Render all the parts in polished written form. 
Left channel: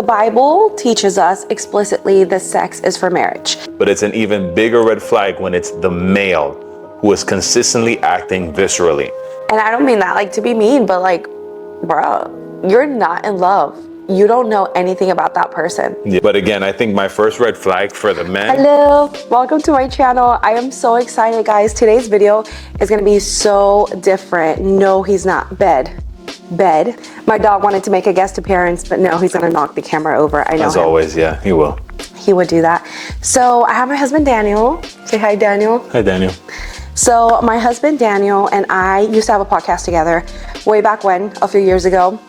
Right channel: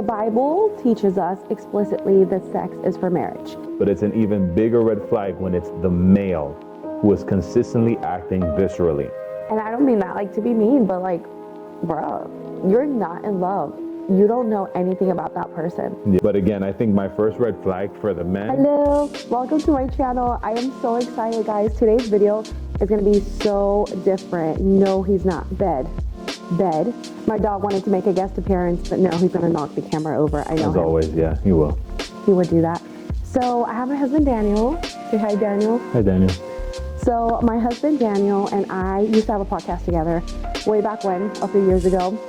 The Bible teaches us explicitly that sex is for marriage. But it's an even bigger red flag when it's the male who is consistently acting viscerally. And I don't mean that like to be mean, but like, bro, you're not in love. You don't know anything about that person. Yeah. But again, I think my first red flag for the men. Hello, welcome to my channel. I am so excited, guys. Today's video is gonna be so different. No, he's not. Bed. My dog wanted to make a guest appearance, but no, he's gonna knock the camera over. I know. As always, yeah, he will. He would do that. So I have my husband, Daniel. Say hi, Daniel. Hi, Daniel. So my husband, Daniel, and I used to have a podcast together way back when, a few years ago.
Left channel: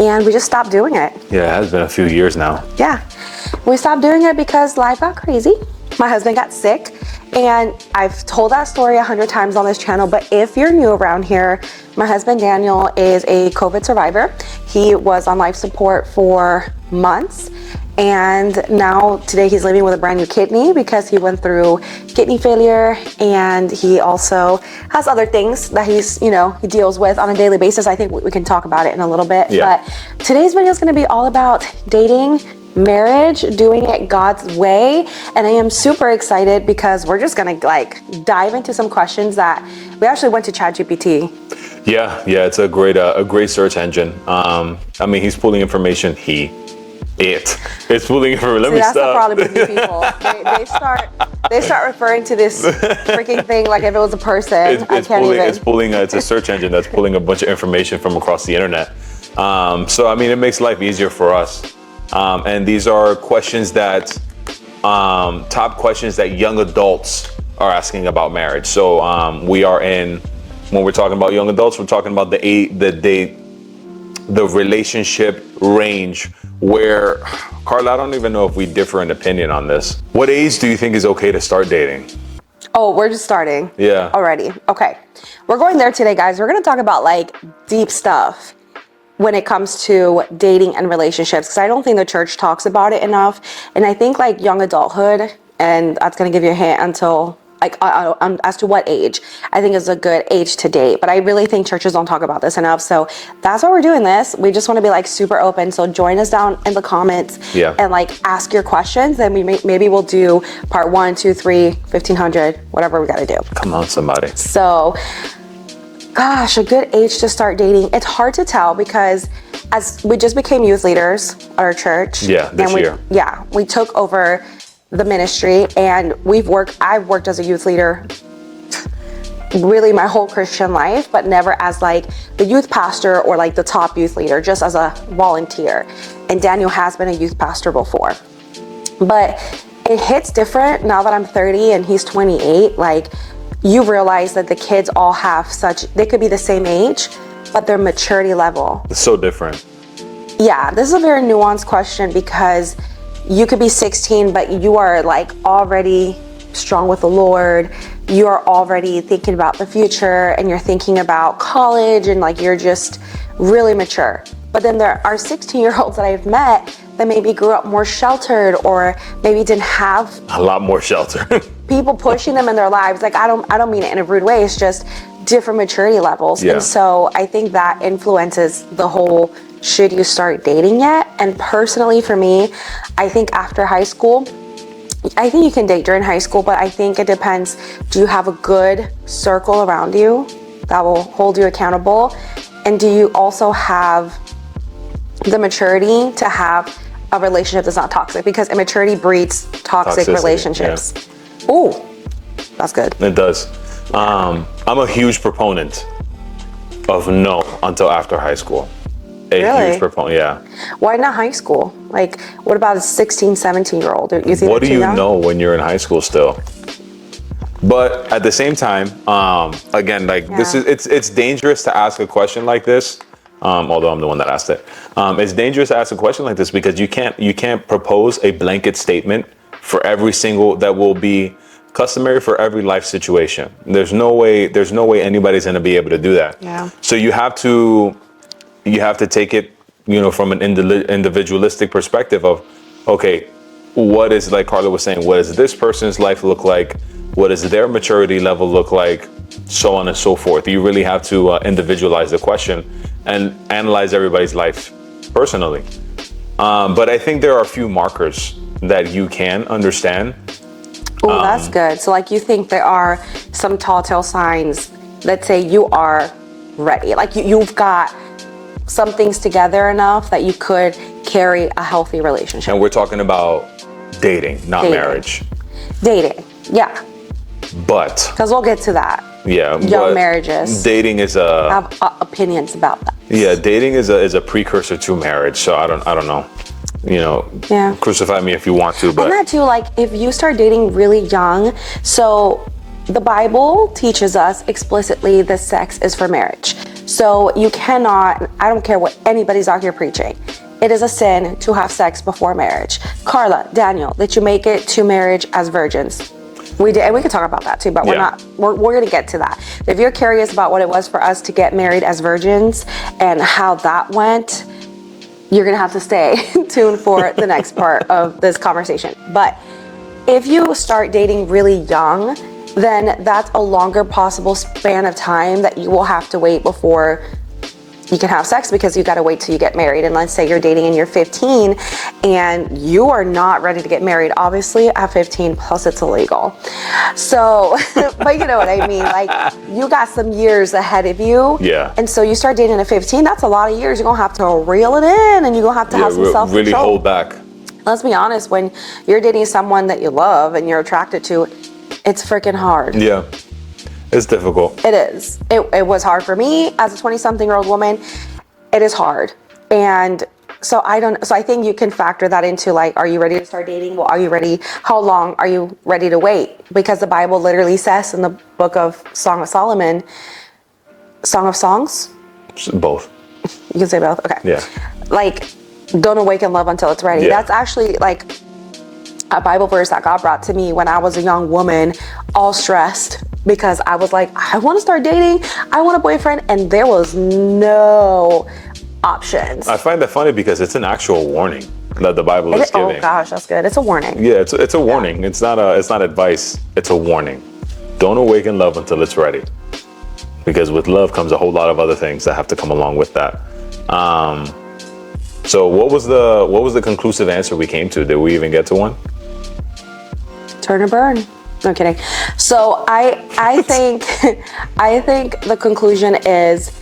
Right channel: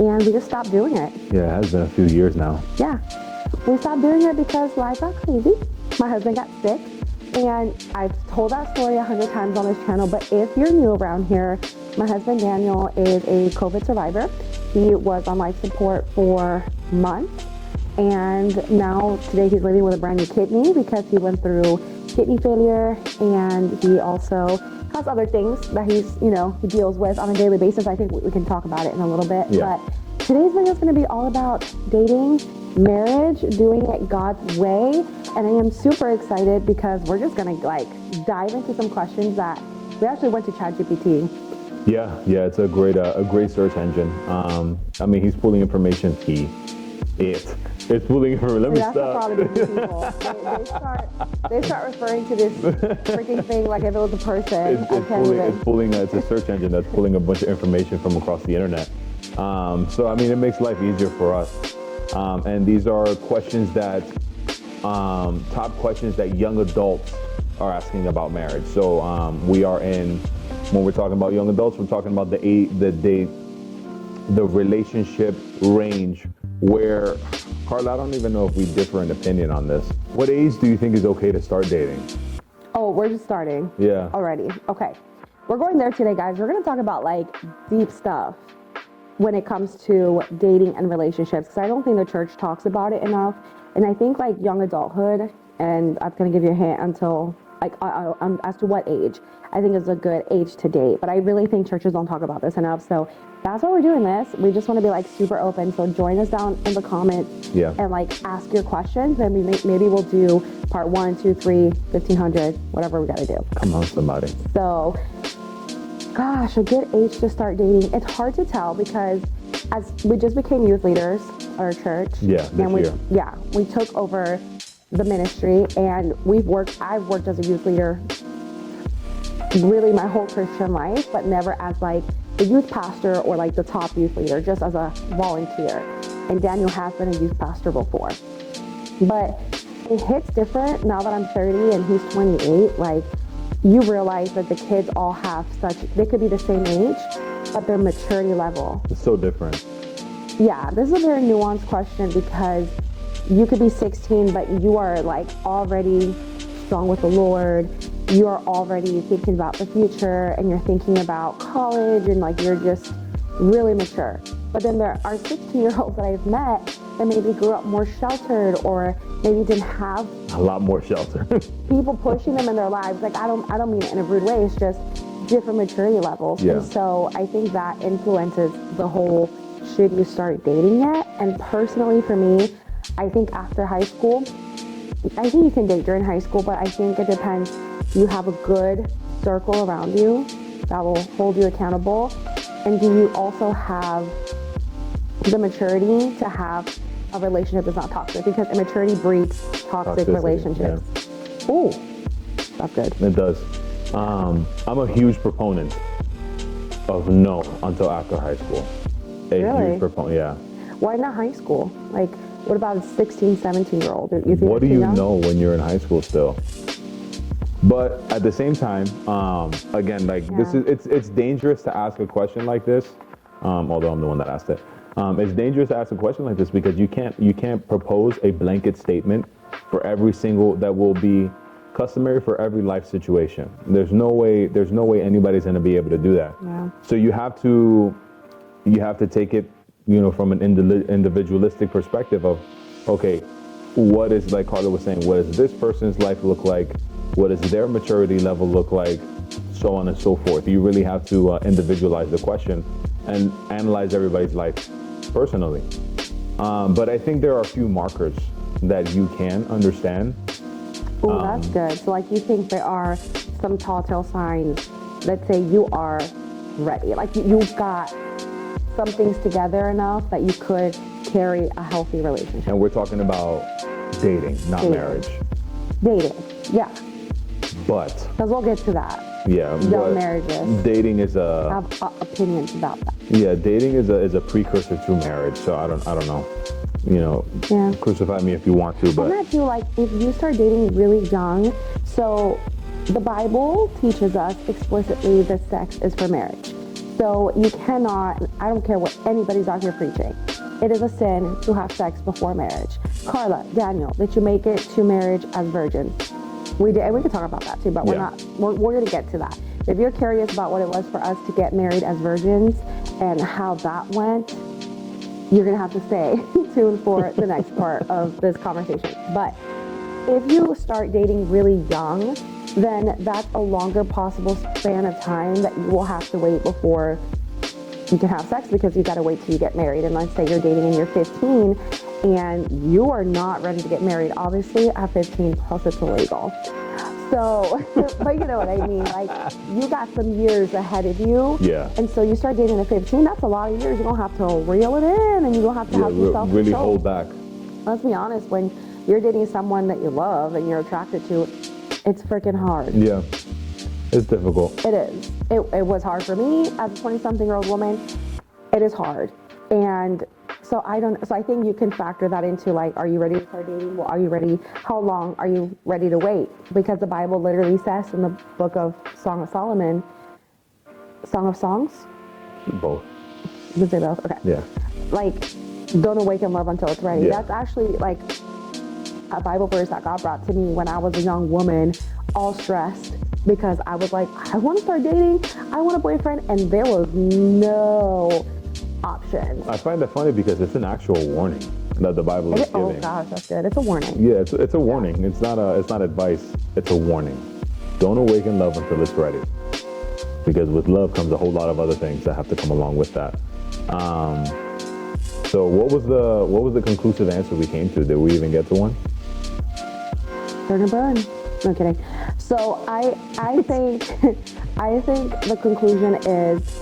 And we just stopped doing it. Yeah, it has been a few years now. Yeah, we stopped doing it because life got crazy. My husband got sick, and I've told that story 100 times on this channel, but if you're new around here, my husband Daniel is a COVID survivor. He was on life support for months, and now today he's living with a brand new kidney because he went through kidney failure, and he also has other things that he deals with on a daily basis. I think we can talk about it in a little bit. Yeah. But today's video is going to be all about dating, marriage, doing it God's way, and I am super excited because we're just going to like dive into some questions that we actually went to ChatGPT. Yeah, it's a great search engine. I mean, he's pulling information. It's pulling information. Let me that's stop. the problem with new people. They start referring to this freaking thing like if it was a person. It's a search engine that's pulling a bunch of information from across the internet. So I mean, it makes life easier for us. And these are questions that, top questions that young adults are asking about marriage. So when we're talking about young adults, we're talking about the relationship range where, Carla, I don't even know if we differ in opinion on this. What age do you think is okay to start dating? Oh, we're just starting. Yeah. Already. Okay. We're going there today, guys. We're going to talk about like deep stuff when it comes to dating and relationships, because I don't think the church talks about it enough. And I think like young adulthood, and that's going to give you a hint until like as to what age I think is a good age to date. But I really think churches don't talk about this enough. So that's why we're doing this. We just want to be like super open. So join us down in the comments and like ask your questions. Then maybe we'll do part 1, 2, 3, 1500, whatever we got to do. Come on, somebody. So gosh, a good age to start dating. It's hard to tell because as we just became youth leaders at our church. Yeah, this year. Yeah, we took over the ministry, and I've worked as a youth leader really my whole Christian life, but never as like the youth pastor or like the top youth leader, just as a volunteer. And Daniel has been a youth pastor before. But it hits different now that I'm 30 and he's 28. Like, you realize that the kids all have they could be the same age, but their maturity level. It's so different. Yeah, this is a very nuanced question because you could be 16, but you are like already strong with the Lord. You are already thinking about the future, and you're thinking about college, and like you're just really mature. But then there are 16-year-olds that I've met that maybe grew up more sheltered, or maybe didn't have a lot more shelter. People pushing them in their lives. Like I don't mean it in a rude way. It's just different maturity levels. Yeah. And so I think that influences the whole, should you start dating yet? And personally for me, I think after high school, I think you can date during high school, but I think it depends. Do you have a good circle around you that will hold you accountable? And do you also have the maturity to have a relationship that's not toxic? Because immaturity breeds toxic relationships. Yeah. Ooh, that's good. It does. I'm a huge proponent of no until after high school. Really? Huge proponent, yeah. Why not high school? Like, what about a 16, 17-year-old? What do you know when you're in high school still? But at the same time, again, like it's dangerous to ask a question like this. Although I'm the one that asked it. It's dangerous to ask a question like this because you can't propose a blanket statement for every single that will be customary for every life situation. There's no way anybody's going to be able to do that. Yeah. So you have to take it, from an individualistic perspective of, okay, what is, like Carla was saying, what does this person's life look like? What does their maturity level look like? So on and so forth. You really have to individualize the question and analyze everybody's life personally. But I think there are a few markers that you can understand. Oh, that's good. So like you think there are some telltale signs that say you are ready. Like you've got some things together enough that you could carry a healthy relationship. And we're talking about dating, not Dating. marriage. Dating, yeah. But Because we'll get to that. yeah, Young but marriages. dating is I have opinions about that. yeah, dating is a precursor to marriage. So I don't know. You know, Yeah. crucify me if you want to, but And that too, like if you start dating really young, so the Bible teaches us explicitly that sex is for marriage. So you cannot, I don't care what anybody's out here preaching, it is a sin to have sex before marriage. Carla, Daniel, did you make it to marriage as virgins? We did, and we could talk about that too, but Yeah. we're gonna get to that. If you're curious about what it was for us to get married as virgins and how that went, you're gonna have to stay tuned for the next part of this conversation. But if you start dating really young, then that's a longer possible span of time that you will have to wait before you can have sex, because you gotta wait till you get married. And let's say you're dating and you're 15 and you are not ready to get married. Obviously at 15 plus it's illegal. So, but you know what I mean? Like you got some years ahead of you. Yeah. And so you start dating at 15, that's a lot of years. You're gonna have to reel it in and you're gonna have to have some self-control. really hold back. Let's be honest, when you're dating someone that you love and you're attracted to, it's freaking hard. Yeah, it's difficult. It is. It was hard for me as a 20-something-year-old woman. It is hard. And so I think you can factor that into like, are you ready to start dating? Well, are you ready? How long are you ready to wait? Because the Bible literally says in the book of Song of Solomon, Song of Songs? Both. You can say both, okay. Yeah. Like, don't awaken love until it's ready. Yeah. That's actually like a Bible verse that God brought to me when I was a young woman, all stressed because I was like, I want to start dating. I want a boyfriend. And there was no options. I find that funny because it's an actual warning that the Bible is giving. Oh gosh, that's good. It's a warning. Yeah, it's a warning. It's not advice. It's a warning. Don't awaken love until it's ready. Because with love comes a whole lot of other things that have to come along with that. So what was the conclusive answer we came to? Did we even get to one? Turn or burn. No kidding. So I think the conclusion is,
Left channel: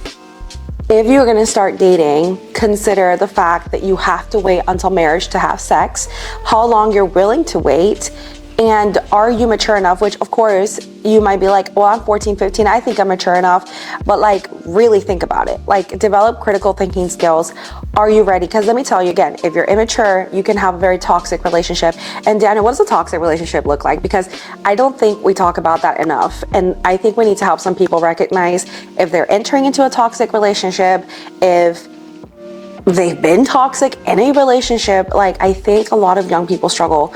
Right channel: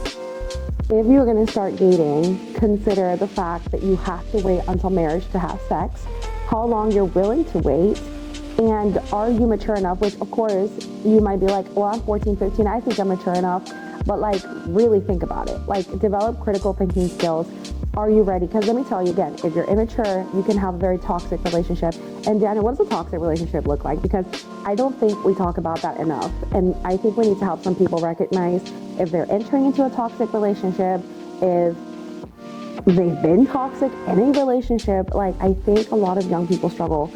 if you're gonna start dating, consider the fact that you have to wait until marriage to have sex, how long you're willing to wait, and are you mature enough? Which of course you might be like, well, I'm 14, 15, I think I'm mature enough, but like really think about it. Like develop critical thinking skills. Are you ready? Because let me tell you again, if you're immature, you can have a very toxic relationship. And Daniel, what does a toxic relationship look like? Because I don't think we talk about that enough. And I think we need to help some people recognize if they're entering into a toxic relationship, if they've been toxic in a relationship. Like I think a lot of young people struggle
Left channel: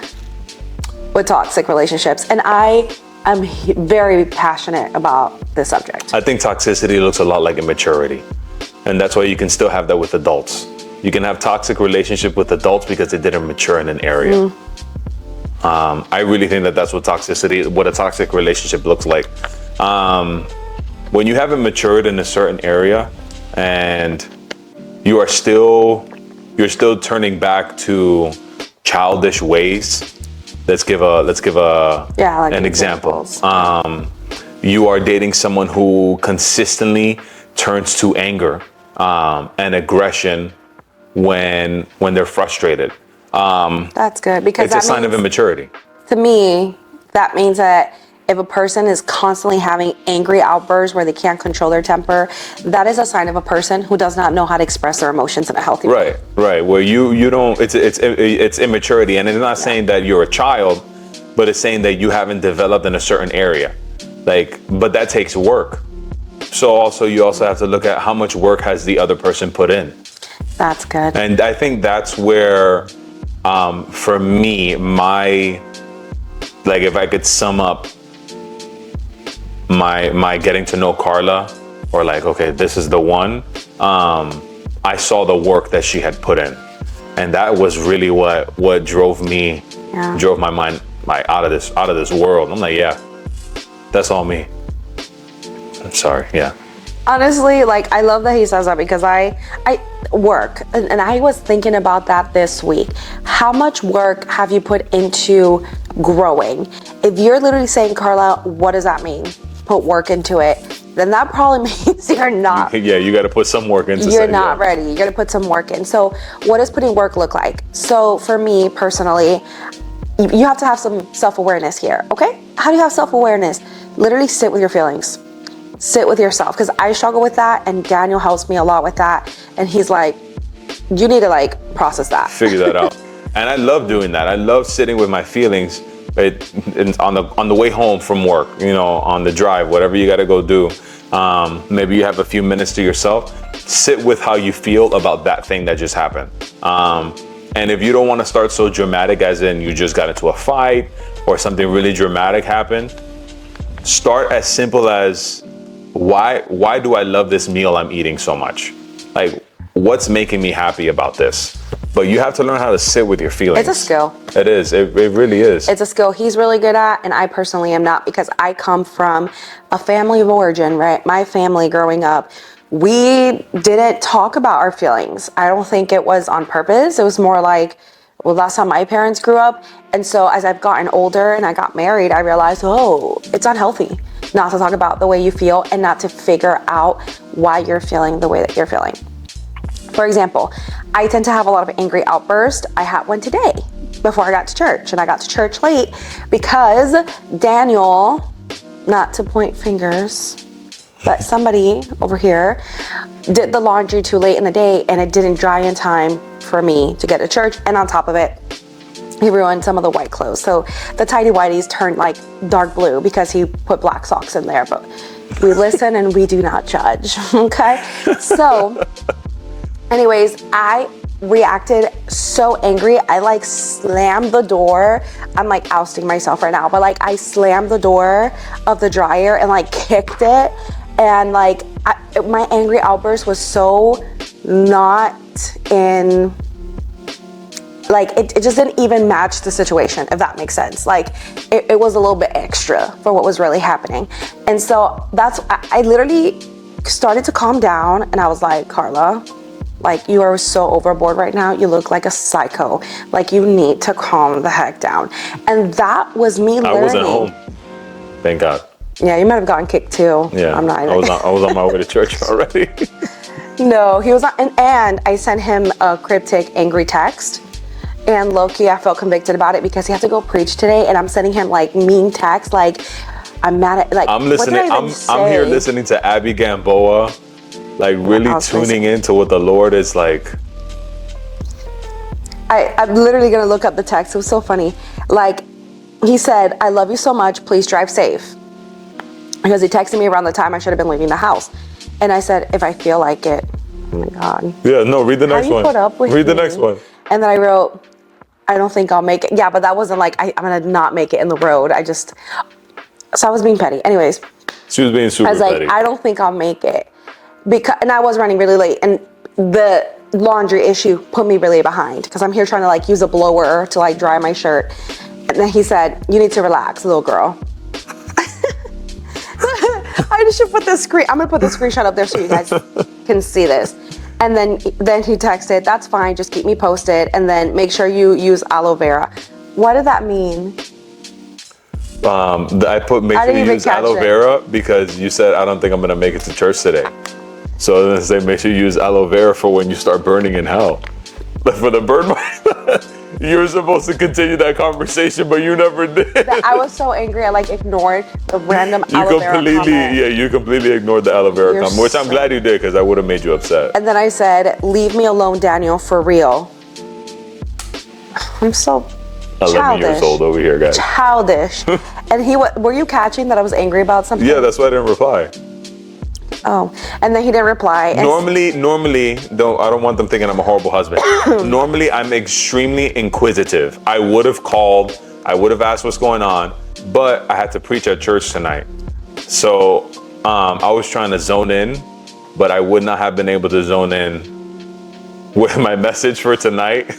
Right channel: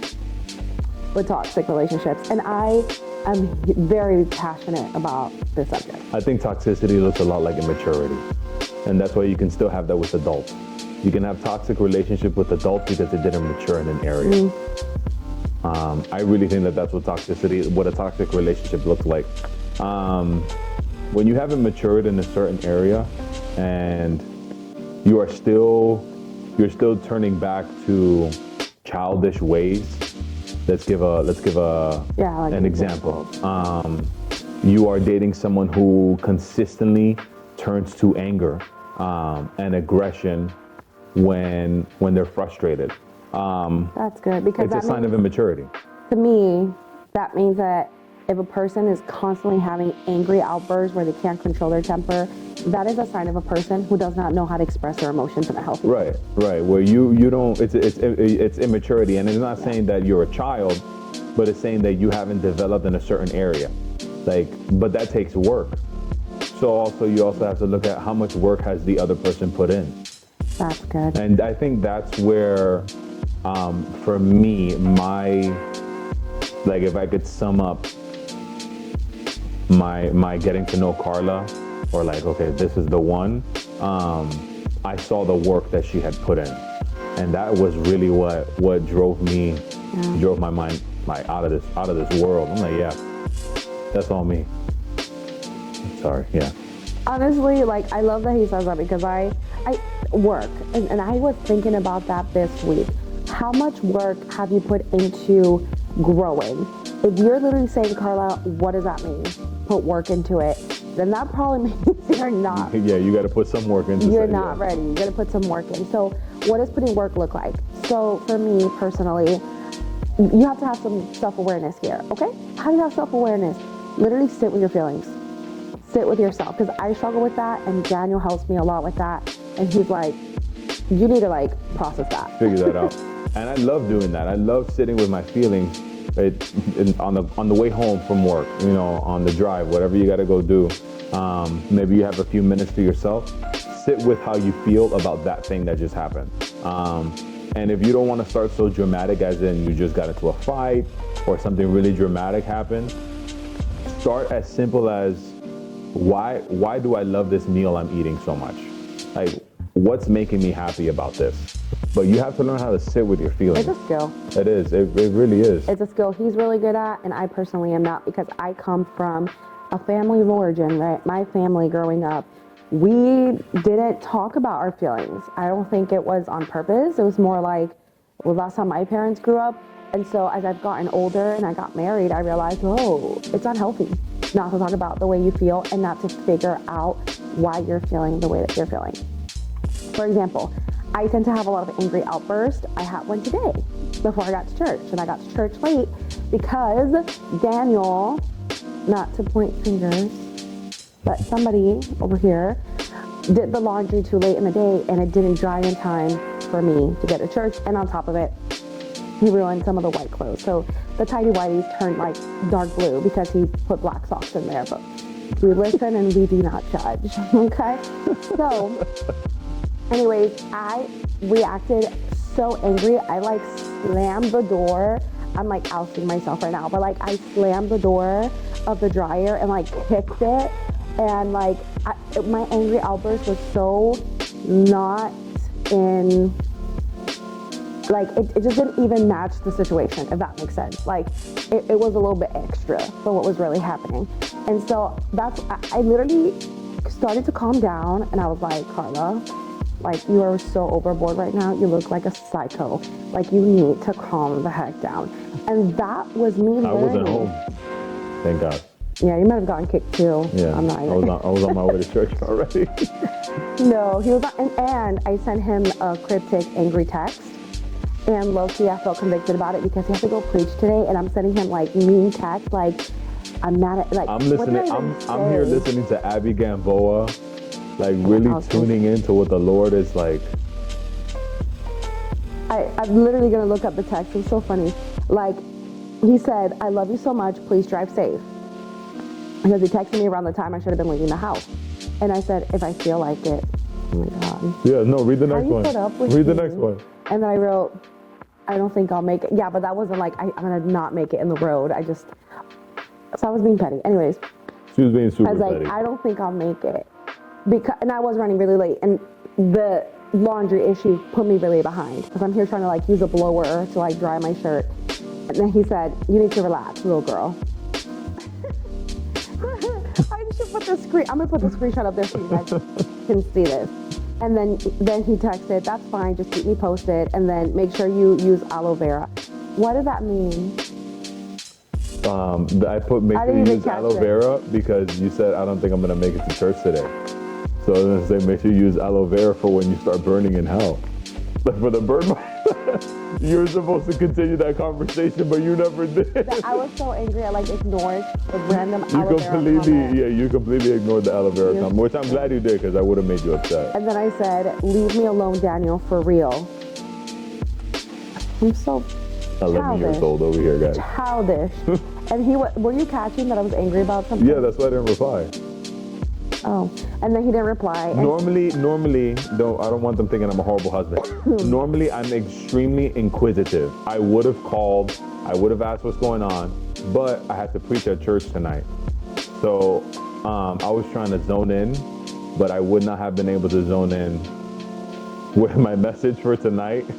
with toxic relationships. And I am very passionate about this subject. I think toxicity looks a lot like immaturity. And that's why you can still have that with adults. You can have toxic relationship with adults because they didn't mature in an area. I really think that that's what a toxic relationship looks like. When you haven't matured in a certain area and you're still turning back to childish ways. Let's give an example. You are dating someone who consistently turns to anger and aggression when they're frustrated. That's good, because It's a sign of immaturity. To me, that means that if a person is constantly having angry outbursts where they can't control their temper, that is a sign of a person who does not know how to express their emotions in a healthy way. Right. Where you don't. It's immaturity, and it's not saying that you're a child, but it's saying that you haven't developed in a certain area. But that takes work. So you also have to look at how much work has the other person put in. That's good. And I think that's where, for me, if I could sum up my getting to know Carla, or like, okay, this is the one, I saw the work that she had put in. And that was really what drove my mind like out of this world. I'm like, yeah, that's all me. I'm sorry, yeah. Honestly, like I love that he says that, because work, and I was thinking about that this week. How much work have you put into growing? If you're literally saying, Carla, what does that mean? Put work into it. Then that probably means you're not. Yeah, you got to put some work into. You're not ready. You got to put some work in. So, what does putting work look like? So, for me personally, you have to have some self-awareness here. Okay? How do you have self-awareness? Literally sit with your feelings. Sit with yourself, because I struggle with that, and Daniel helps me a lot with that. And he's like, you need to like process that. Figure that out. And I love doing that. I love sitting with my feelings on the way home from work, you know, on the drive, whatever you got to go do. Maybe you have a few minutes to yourself. Sit with how you feel about that thing that just happened. And if you don't want to start so dramatic, as in you just got into a fight or something really dramatic happened, start as simple as, why do I love this meal I'm eating so much? Like, what's making me happy about this? But you have to learn how to sit with your feelings. It's a skill. It is. It really is. It's a skill he's really good at, and I personally am not, because I come from a family of origin, right? My family growing up, we didn't talk about our feelings. I don't think it was on purpose. It was more like, well, that's how my parents grew up. And so as I've gotten older and I got married, I realized, oh, it's unhealthy not to talk about the way you feel and not to figure out why you're feeling the way that you're feeling. For example, I tend to have a lot of angry outbursts. I had one today before I got to church, and I got to church late because Daniel, not to point fingers, but somebody over here did the laundry too late in the day, and it didn't dry in time for me to get to church. And on top of it, he ruined some of the white clothes. So the tidy whities turned like dark blue because he put black socks in there. But we listen and we do not judge, okay? So anyways, I reacted so angry. I like slammed the door. I'm like ousting myself right now, but like I slammed the door of the dryer and like kicked it. And like my angry outburst was so not in, like it just didn't even match the situation, if that makes sense. Like it was a little bit extra for what was really happening. And so I literally started to calm down, and I was like, Carla, like, you are so overboard right now. You look like a psycho. Like, you need to calm the heck down. And that was me learning. I wasn't home. Thank God. Yeah, you might have gotten kicked too. Yeah, I'm not even. I was on my way to church already. No, he was not. And I sent him a cryptic, angry text. And low-key, I felt convicted about it because he had to go preach today. And I'm sending him like mean text, like, I'm mad at, like, I'm listening. I'm here listening to Abby Gamboa. Like really tuning into what the Lord is like. I'm literally gonna look up the text. It was so funny. Like, he said, I love you so much, please drive safe. Because he texted me around the time I should have been leaving the house. And I said, if I feel like it. Oh my God. Yeah, no, read the next one. Put up with read the me? next one. And then I wrote, I don't think I'll make it. Yeah, but that wasn't like, I'm gonna not make it in the road. So I was being petty. Anyways. She was being super petty. I was like, I don't think I'll make it. And I was running really late, and the laundry issue put me really behind because I'm here trying to like use a blower to like dry my shirt. And then he said, you need to relax, little girl. I should put I'm gonna put the screenshot up there so you guys can see this. And then he texted, that's fine, just keep me posted, and then make sure you use aloe vera. What did that mean? I put make sure you use aloe vera because you said, I don't think I'm gonna make it to church today. So then say, make sure you use aloe vera for when you start burning in hell. Like for the burn mark. You were supposed to continue that conversation, but you never did. I was so angry, I like ignored the random aloe vera comment. Yeah, you completely ignored the aloe vera comment, which I'm glad you did because I would have made you upset. And then I said, leave me alone, Daniel, for real. I'm so 11 years old over here, guys. Childish. And were you catching that I was angry about something? Yeah, that's why I didn't reply. Oh, and then he didn't reply. Normally, I don't want them thinking I'm a horrible husband. Normally, I'm extremely inquisitive. I would have called, I would have asked what's going on, but I had to preach at church tonight. So I was trying to zone in, but I would not have been able to zone in with my message for tonight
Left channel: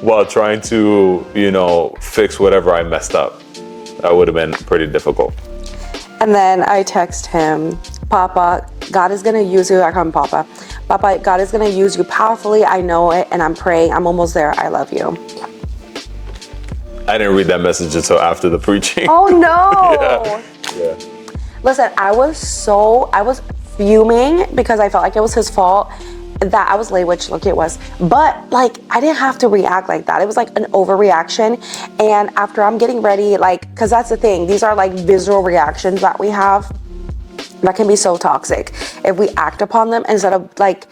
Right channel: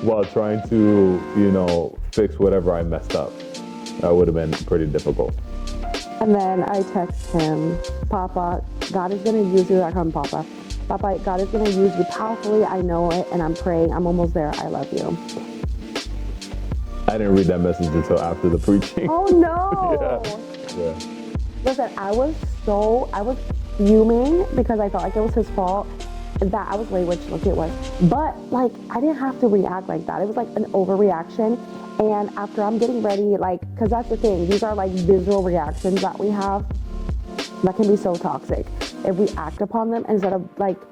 while trying to, fix whatever I messed up. That would have been pretty difficult. And then I text him, Papa, God is gonna use you. I call him Papa. Papa, God is going to use you powerfully. I know it, and I'm praying. I'm almost there. I love you. I didn't read that message until after the preaching. Oh, no. Yeah. Listen, I was fuming because I felt like it was his fault that I was late, which look, it was. But like, I didn't have to react like that. It was like an overreaction. And after I'm getting ready, like, cause that's the thing. These are like visceral reactions that we have that can be so toxic if we act upon them instead of like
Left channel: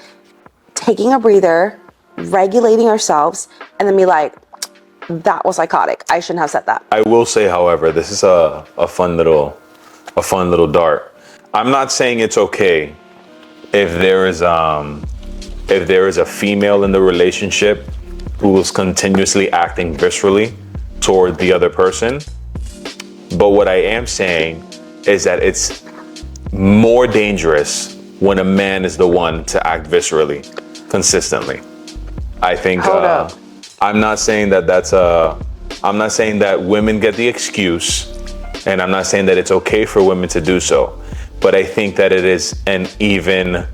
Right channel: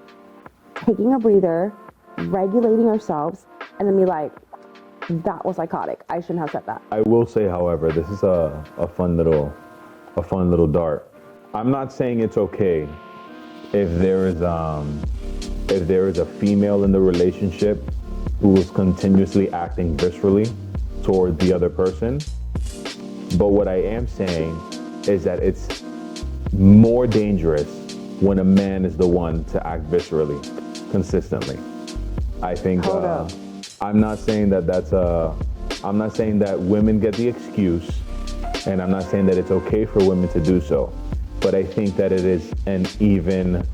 taking a breather, regulating ourselves, and then be like, that was psychotic. I shouldn't have said that. I will say, however, this is a fun little dart. I'm not saying it's okay if there is a female in the relationship who is continuously acting viscerally toward the other person. But what I am saying is that it's more dangerous when a man is the one to act viscerally consistently. I think I'm not saying that I'm not saying that women get the excuse, and I'm not saying that it's okay for women to do so, but I think that it is an even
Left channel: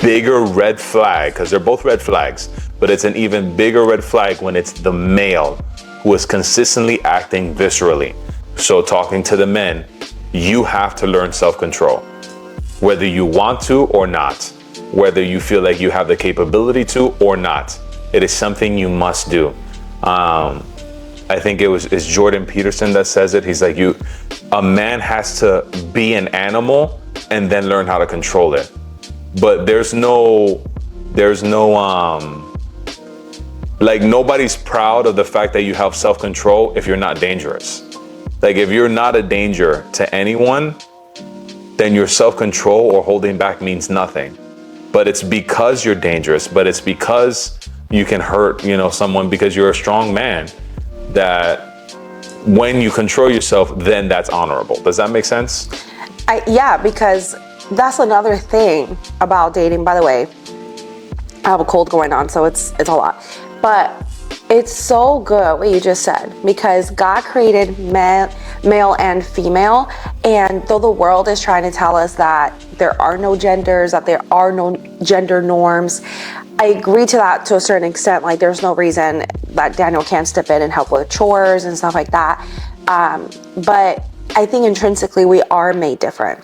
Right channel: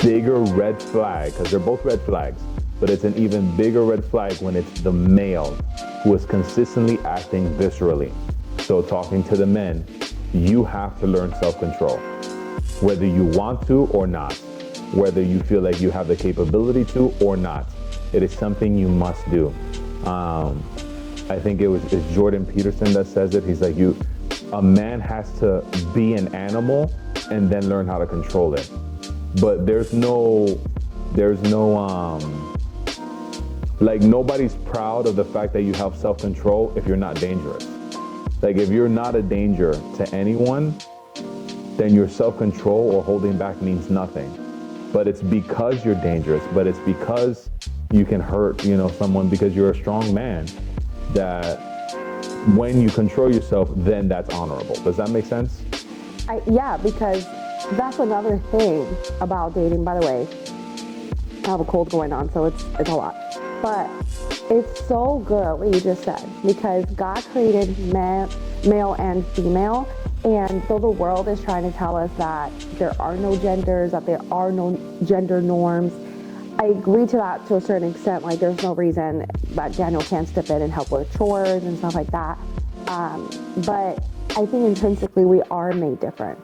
bigger red flag, because they're both red flags, but it's an even bigger red flag when it's the male who is consistently acting viscerally. So talking to the men, you have to learn self-control, whether you want to or not, whether you feel like you have the capability to or not. It is something you must do. I think it's Jordan Peterson that says it. He's like, a man has to be an animal and then learn how to control it. But there's no, like, nobody's proud of the fact that you have self-control if you're not dangerous. Like, if you're not a danger to anyone, then your self-control or holding back means nothing. But it's because you're dangerous, but it's because you can hurt, someone because you're a strong man, that when you control yourself, then that's honorable. Does that make sense? Yeah, because that's another thing about dating. By the way, I have a cold going on, so it's a lot. But it's so good what you just said, because God created male and female, and though the world is trying to tell us that there are no genders, that there are no gender norms, I agree to that to a certain extent. Like, there's no reason that Daniel can't step in and help with chores and stuff like that. But I think intrinsically we are made different.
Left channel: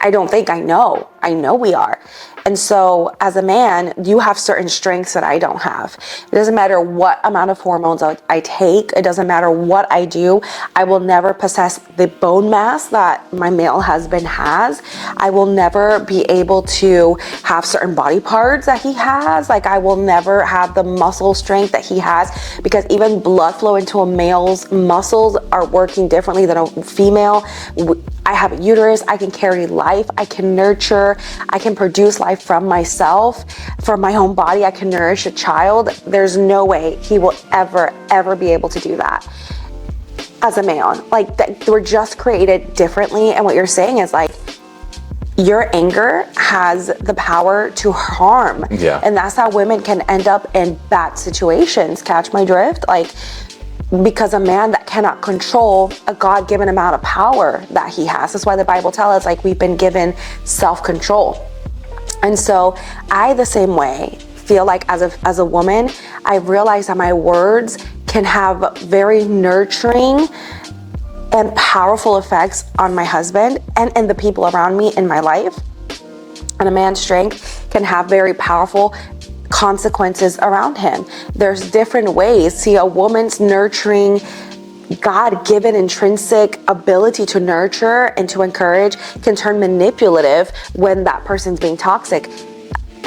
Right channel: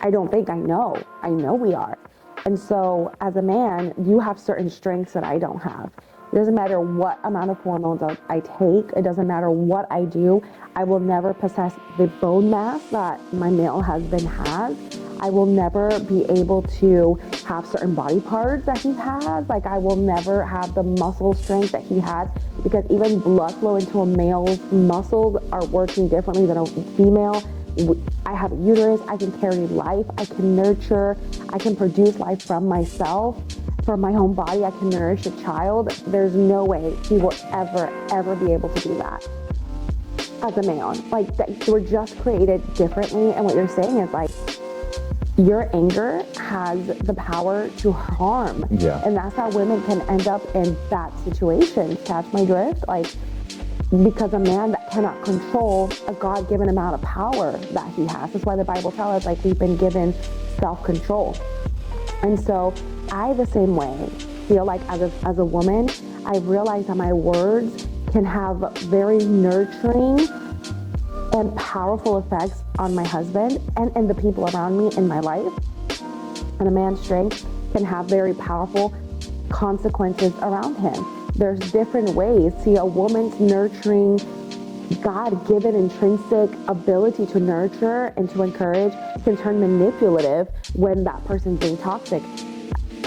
I know we are. And so as a man, you have certain strengths that I don't have. It doesn't matter what amount of hormones I take. It doesn't matter what I do. I will never possess the bone mass that my male husband has. I will never be able to have certain body parts that he has. Like, I will never have the muscle strength that he has, because even blood flow into a male's muscles are working differently than a female. I have a uterus. I can carry life. I can nurture. I can produce life from myself, from my own body. I can nourish a child. There's no way he will ever be able to do that as a man. Like, we're just created differently. And what you're saying is, like, your anger has the power to harm. Yeah. And that's how women can end up in bad situations. Catch my drift? Like, because a man that cannot control a God-given amount of power that he has. That's why the Bible tells us, like, we've been given self-control. And so I, the same way, feel like as a woman, I've realized that my words can have very nurturing and powerful effects on my husband and the people around me in my life. And a man's strength can have very powerful consequences around him. There's different ways. See, a woman's nurturing, God-given intrinsic ability to nurture and to encourage can turn manipulative when that person's being toxic.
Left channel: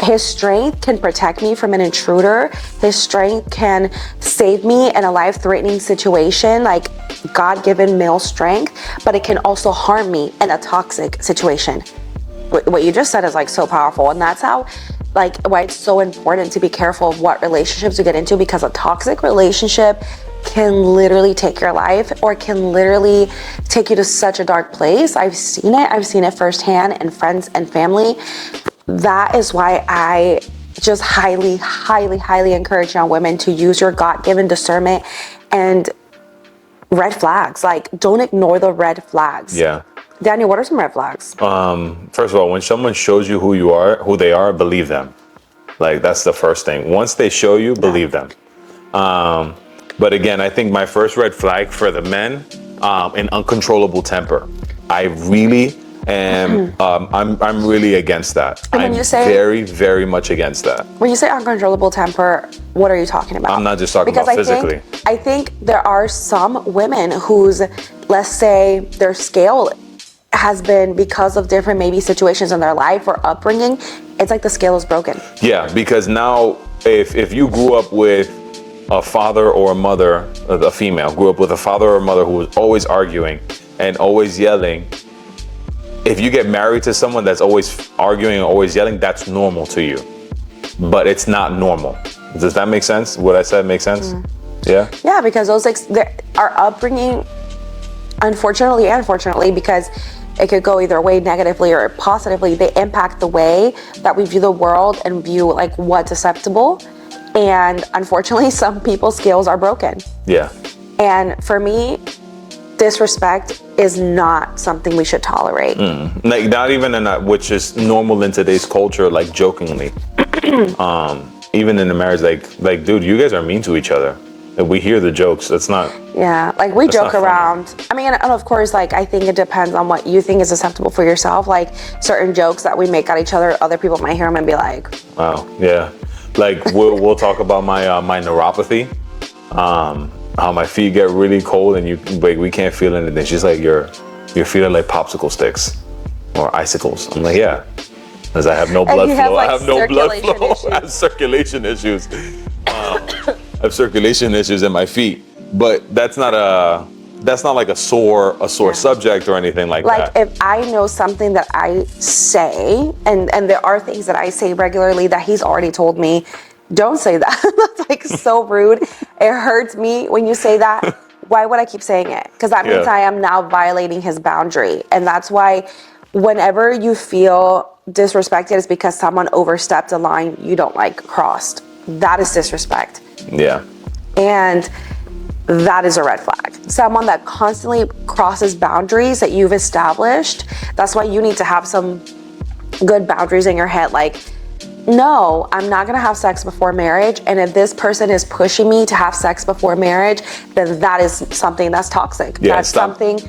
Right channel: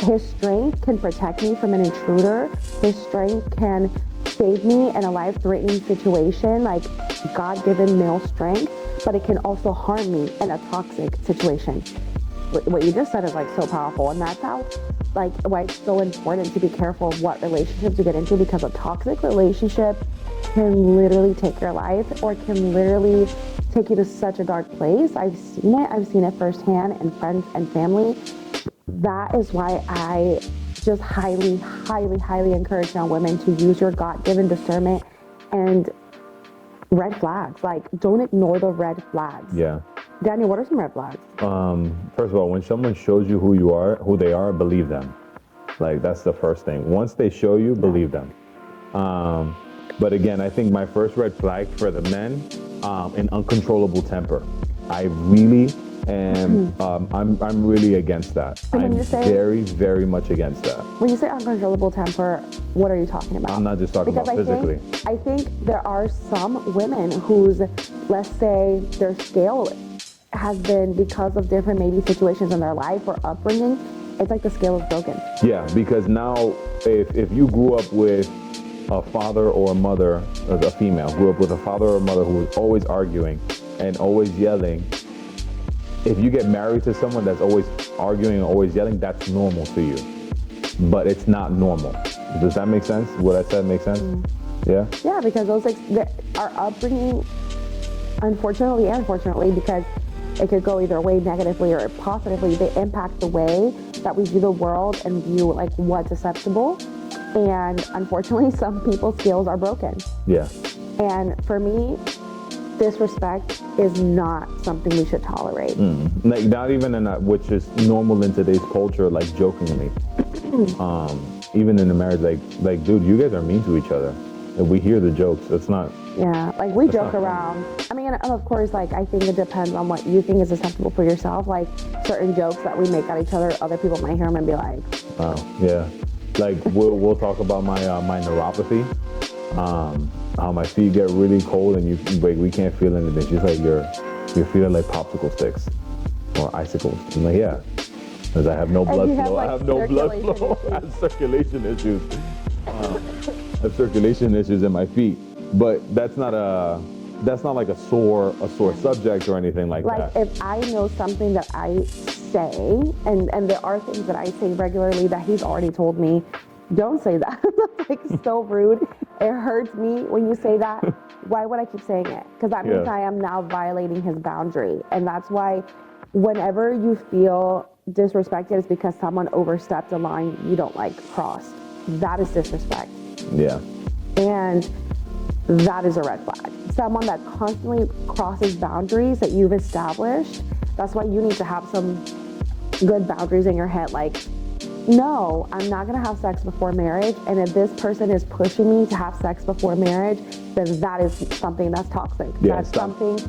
His strength can protect me from an intruder. His strength can save me in a life-threatening situation, like God-given male strength, but it can also harm me in a toxic situation. What you just said is, like, so powerful. And that's how, like, why it's so important to be careful of what relationships you get into, because a toxic relationship can literally take your life, or can literally take you to such a dark place. I've seen it firsthand in friends and family. That is why I just highly encourage young women to use your God-given discernment and red flags. Like, don't ignore the red flags. Yeah. Daniel, what are some red flags? First of all, when someone shows you who they are, believe them. Like, that's the first thing. Once they show you, believe them. But again, I think my first red flag for the men, an uncontrollable temper. I really am, I'm really against that. And when I'm you say- very, very much against that. When you say uncontrollable temper, what are you talking about? I'm not just talking about physically. I think there are some women whose, let's say, their scale has been because of different maybe situations in their life or upbringing. It's like the scale is broken. Yeah, because now if you grew up with a father or a mother, a female grew up with a father or a mother who was always arguing and always yelling, if you get married to someone that's always arguing and always yelling, that's normal to you. But it's not normal. Does that make sense? What I said make sense? Yeah? Yeah, because those our upbringing, unfortunately and fortunately, because it could go either way, negatively or positively, they impact the way that we view the world and view like what's acceptable. And unfortunately, some people's scales are broken. Yeah. And for me, disrespect is not something we should tolerate. Like, not even in that, which is normal in today's culture, like jokingly. Even in a marriage, like, dude, you guys are mean to each other. And we hear the jokes. That's not. Yeah, like we joke not funny. around. I mean, and of course, like I think it depends on what you think is acceptable for yourself. Like certain jokes that we make at each other, other people might hear them and be like, Wow. Yeah. Like we'll talk about my neuropathy. How my feet get really cold and we can't feel anything. She's like, your feet are like popsicle sticks or icicles. I'm like, yeah, because I have no blood flow. I have no blood flow. I have circulation issues. I have circulation issues in my feet, but that's not like a sore subject or anything like that. Like if I know something that I say, and there are things that I say regularly that he's already told me, don't say that. That's like so rude. It hurts me when you say that. Why would I keep saying it? Because that means I am now violating his boundary. And that's why whenever you feel disrespected, it's because someone overstepped a line you don't like crossed. That is disrespect. Yeah. And that is a red flag. Someone that constantly crosses boundaries that you've established. That's why you need to have some good boundaries in your head. Like, no, I'm not gonna have sex before marriage. And if this person is pushing me to have sex before marriage, then that is something that's toxic. Yeah, that's something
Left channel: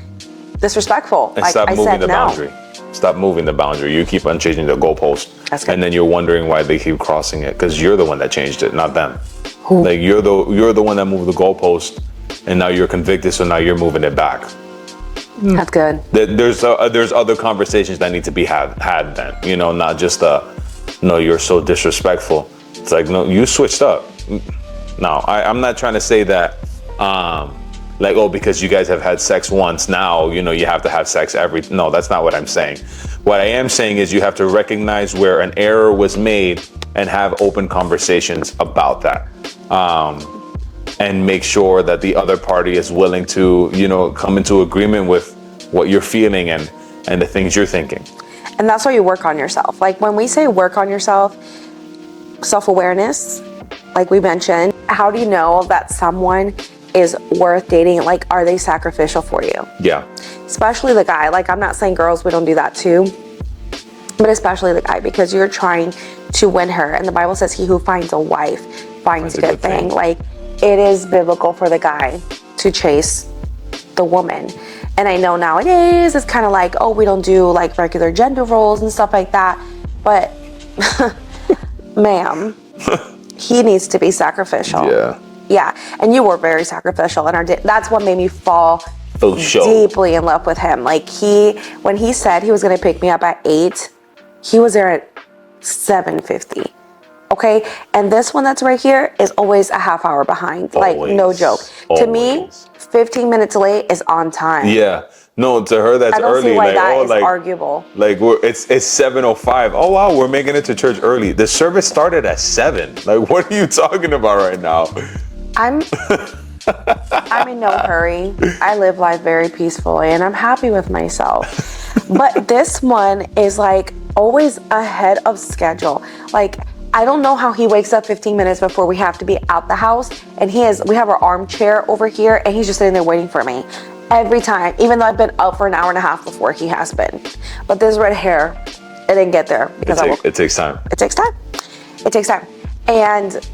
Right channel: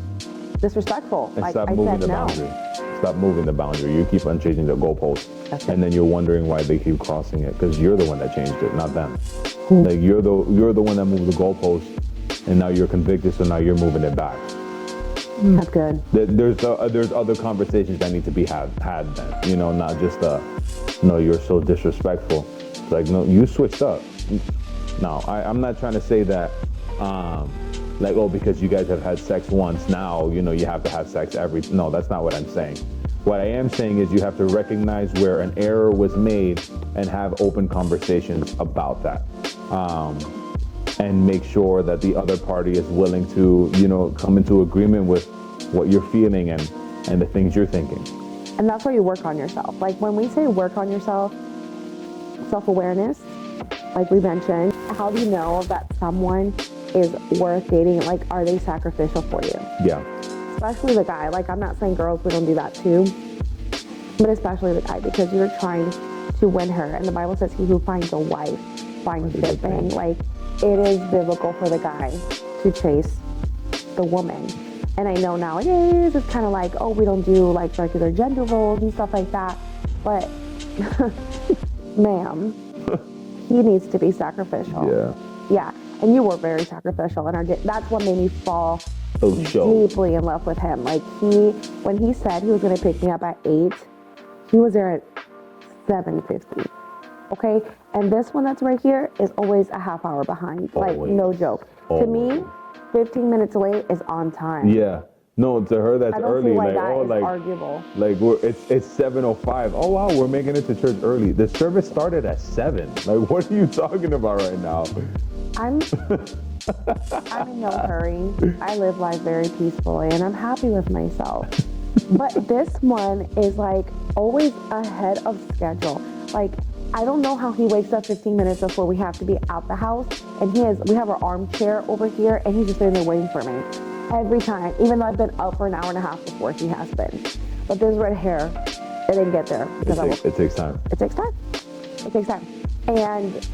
disrespectful. And like stop I moving said, the no. boundary. Stop moving the boundary. You keep on changing the goalpost. That's good. And then you're wondering why they keep crossing it, because you're the one that changed it, not them. Like you're the one that moved the goalpost, and now you're convicted, so now you're moving it back. That's good. There's other conversations that need to be had then, not just no, you're so disrespectful. It's like, no, you switched up. No, I'm not trying to say that like, oh, because you guys have had sex once, now you have to have sex no, that's not what I'm saying. What I am saying is you have to recognize where an error was made and have open conversations about that. And make sure that the other party is willing to, come into agreement with what you're feeling and the things you're thinking. And that's why you work on yourself. Like when we say work on yourself, self-awareness, like we mentioned, how do you know that someone is worth dating? Like, are they sacrificial for you? Yeah. Especially the guy. Like, I'm not saying girls, we don't do that too, but especially the guy, because you're trying to win her. And the Bible says he who finds a wife finds a good thing. Like, it is biblical for the guy to chase the woman. And I know nowadays it's kind of like, oh, we don't do like regular gender roles and stuff like that. But ma'am, he needs to be sacrificial. Yeah. Yeah. And you were very sacrificial in our that's what made me fall deeply in love with him. Like when he said he was going to pick me up at 8, he was there at 7:50. Okay. And this one that's right here is always a half hour behind. Like, no joke. To me, 15 minutes late is on time. Yeah. No, to her that's early. I don't see why like, that oh, is like, arguable. Like it's 7:05. Oh wow, we're making it to church early. The service started at 7. Like, what are you talking about right now? I'm in no hurry. I live life very peacefully and I'm happy with myself. But this one is like always ahead of schedule. Like, I don't know how he wakes up 15 minutes before we have to be out the house, and we have our armchair over here and he's just sitting there waiting for me. Every time, even though I've been up for an hour and a half before he has been. But this red hair, it didn't get there because it takes time. It takes time. It takes time. And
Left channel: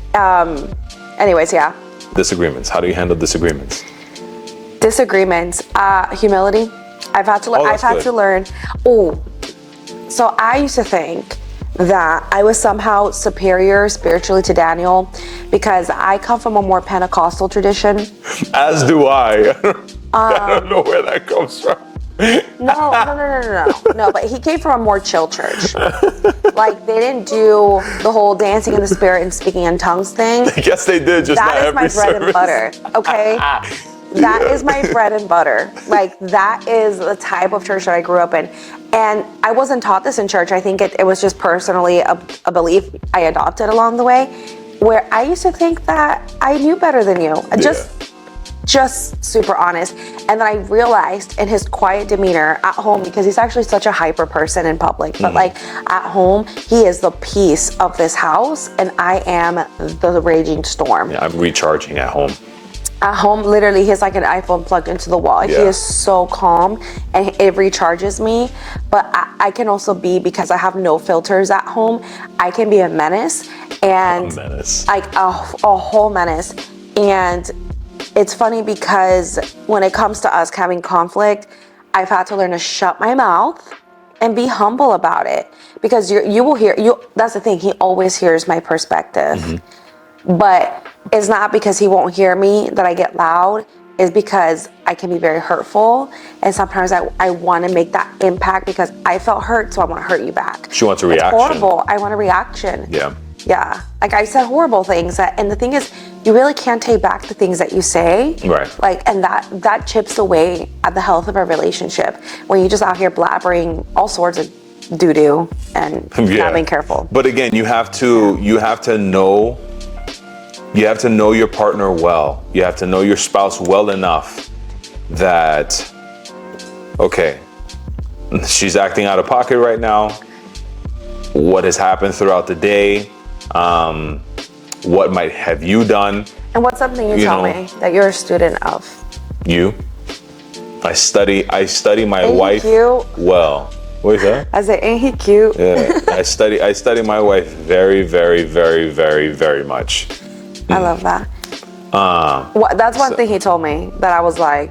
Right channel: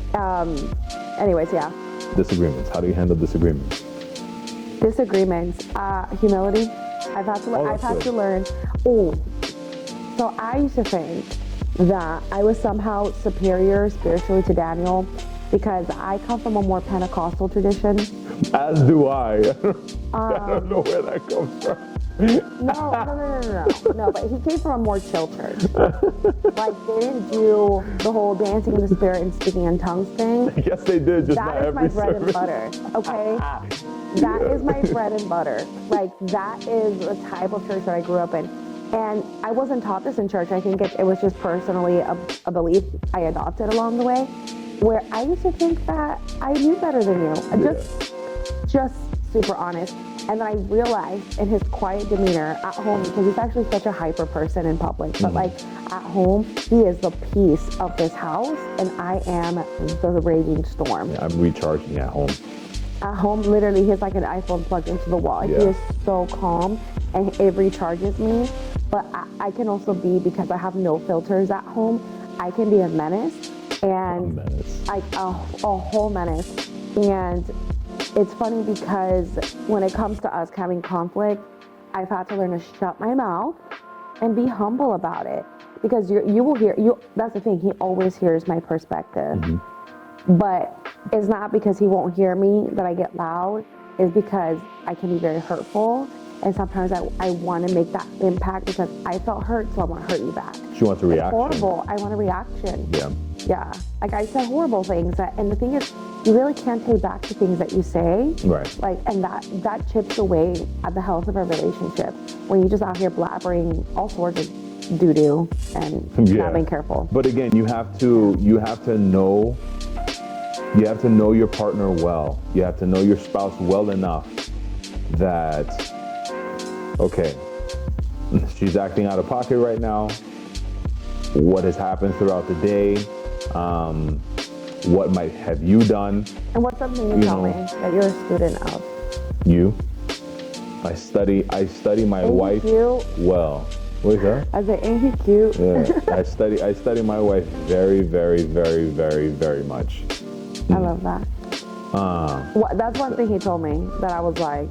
anyways, yeah. Disagreements. How do you handle disagreements? Disagreements. Humility. I've had to learn. Oh, so I used to think that I was somehow superior spiritually to Daniel because I come from a more Pentecostal tradition. As do I. I don't know where that comes from. No, but he came from a more chill church. Like, they didn't do the whole dancing in the spirit and speaking in tongues thing. Yes, they did, just not every service. That is my bread and butter, okay? That is my bread and butter. Like, that is the type of church that I grew up in. And I wasn't taught this in church. I think it was just personally a belief I adopted along the way, where I used to think that I knew better than you. Just super honest. And then I realized in his quiet demeanor at home, because he's actually such a hyper person in public, but like at home, he is the peace of this house and I am the raging storm. Yeah, I'm recharging at home. At home, literally, he's like an iPhone plugged into the wall. Yeah. He is so calm and it recharges me. But I can also be, because I have no filters at home, I can be a menace. And like a whole menace. And it's funny because when it comes to us having conflict, I've had to learn to shut my mouth and be humble about it. Because you will hear, that's the thing, he always hears my perspective. But it's not because he won't hear me that I get loud. It's because I can be very hurtful. And sometimes I want to make that impact because I felt hurt, so I want to hurt you back. She wants a reaction. It's horrible. I want a reaction. Yeah. Like, I said horrible things. And the thing is, you really can't take back the things that you say. Right. Like, and that chips away at the health of a relationship when you're just out here blabbering all sorts of doo-doo and not being careful. But again, you have to know your partner well. You have to know your spouse well enough that, okay, she's acting out of pocket right now. What has happened throughout the day? What might have you done? And what's something you tell me that you're a student of? You. I study my wife well. What is that? I said, ain't he cute? Yeah. I study my wife very, very, very, very, very much. I love that. That's one thing he told me that I was like.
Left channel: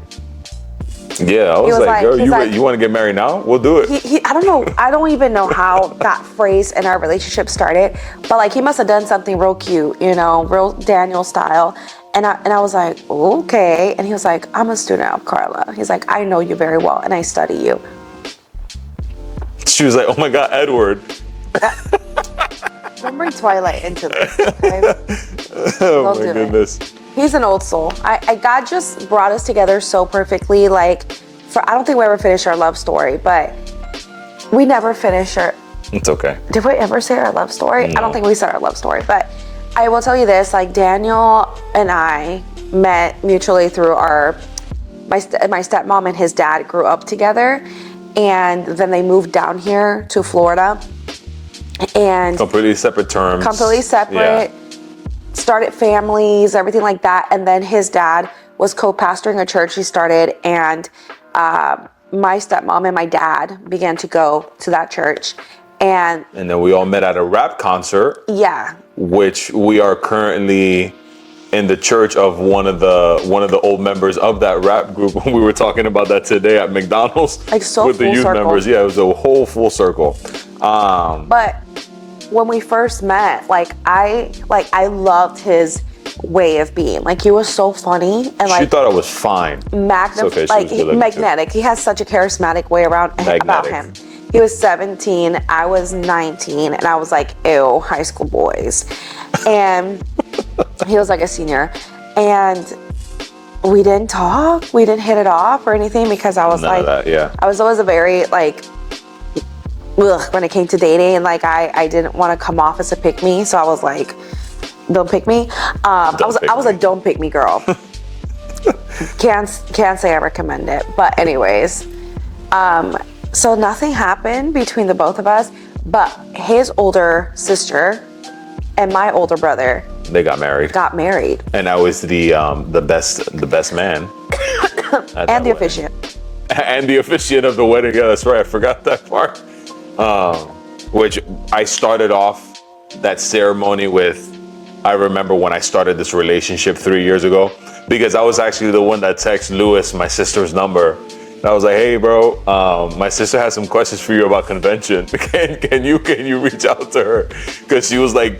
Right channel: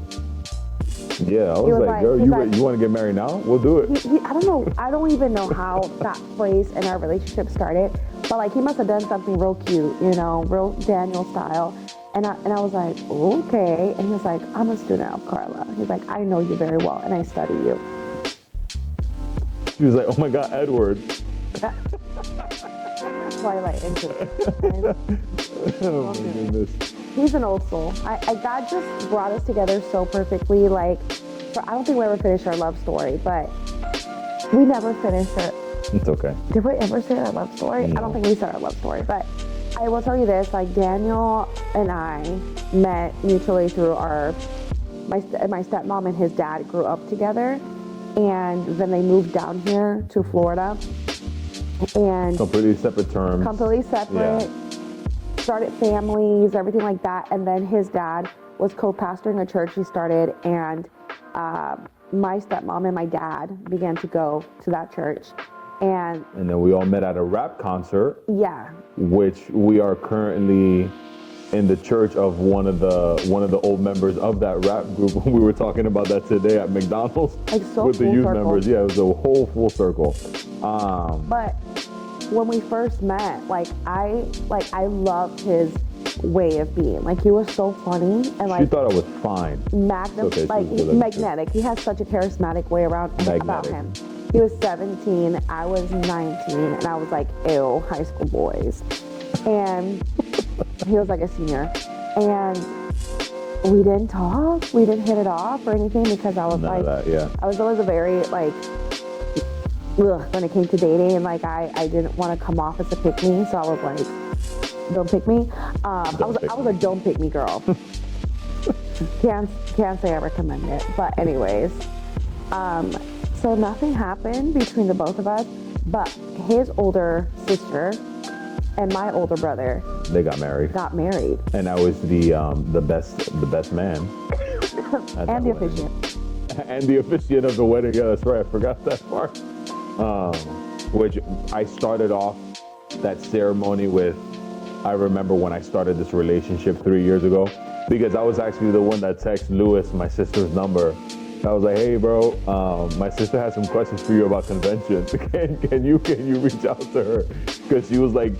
Yeah, I was like, girl, you want to get married now? We'll do it. I don't know. I don't even know how that phrase in our relationship started, but like he must have done something real cute, real Daniel style. And I was like, okay. And he was like, I'm a student of Carla. He's like, I know you very well and I study you. She was like, oh my God, Edward. Don't bring Twilight into this, okay? Oh my goodness. He's an old soul. God just brought us together so perfectly. Like, I don't think we ever finished our love story, but we never finished our. It's okay. Did we ever say our love story? No. I don't think we said our love story, but I will tell you this: like Daniel and I met mutually through my stepmom and his dad grew up together, and then they moved down here to Florida. And completely separate terms. Completely separate. Yeah. Started families, everything like that. And then his dad was co-pastoring a church he started. And my stepmom and my dad began to go to that church. And then we all met at a rap concert. Yeah. Which we are currently in the church of one of the old members of that rap group. We were talking about that today at McDonald's. Like so with the youth circle. Members. Yeah, it was a whole full circle. But when we first met, I loved his way of being. Like, he was so funny and she thought I was fine. Magnetic. He has such a charismatic way about him. He was 17, I was 19, and I was like, ew, high school boys. And he was like a senior. And we didn't talk, we didn't hit it off or anything because I was I was always a very when it came to dating, and I didn't want to come off as a pick me, so I was like, don't pick me. I was a don't pick me girl. Can't say I recommend it, but anyways, so nothing happened between the both of us, but his older sister and my older brother, they got married. And I was the best man. And the officiant. And the officiant of the wedding. Yeah, that's right. I forgot that part. Which I started off that ceremony with, I remember when I started this relationship 3 years ago, because I was actually the one that texted Lewis, my sister's number. And I was like, hey bro, my sister has some questions for you about convention. Can you reach out to her? Because she was like,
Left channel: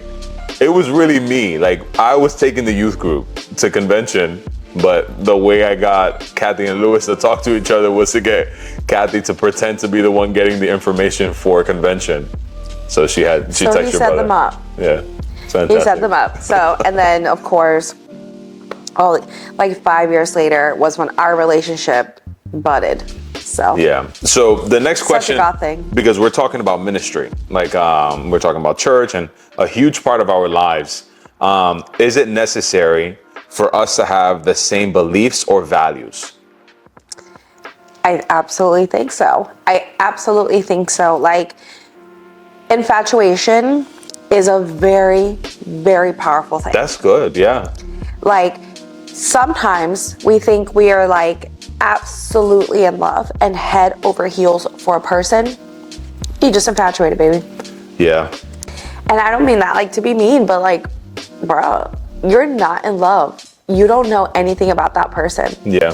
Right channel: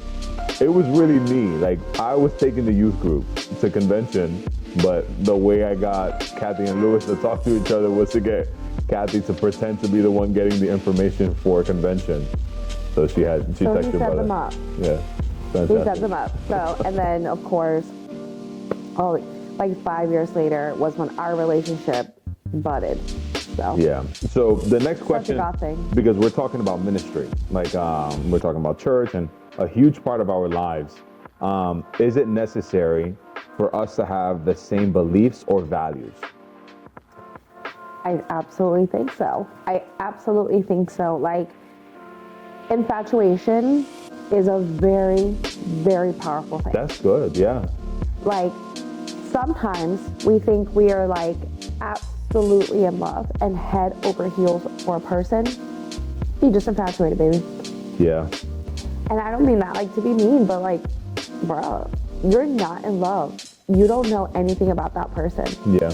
it was really me. Like, I was taking the youth group to convention, but the way I got Kathy and Lewis to talk to each other was to get Kathy to pretend to be the one getting the information for convention. So she texted your brother. So he set them up. Yeah, fantastic. He set them up. So, and then of course, like 5 years later was when our relationship budded. So yeah. So the next question, such a God thing. Because we're talking about ministry, like we're talking about church and a huge part of our lives. Is it necessary for us to have the same beliefs or values? I absolutely think so. Like, infatuation is a very, very powerful thing. That's good, yeah. Like, sometimes we think we are like absolutely in love and head over heels for a person. You just infatuated, baby. Yeah. And I don't mean that like to be mean, but like, bro, you're not in love. You don't know anything about that person. Yeah.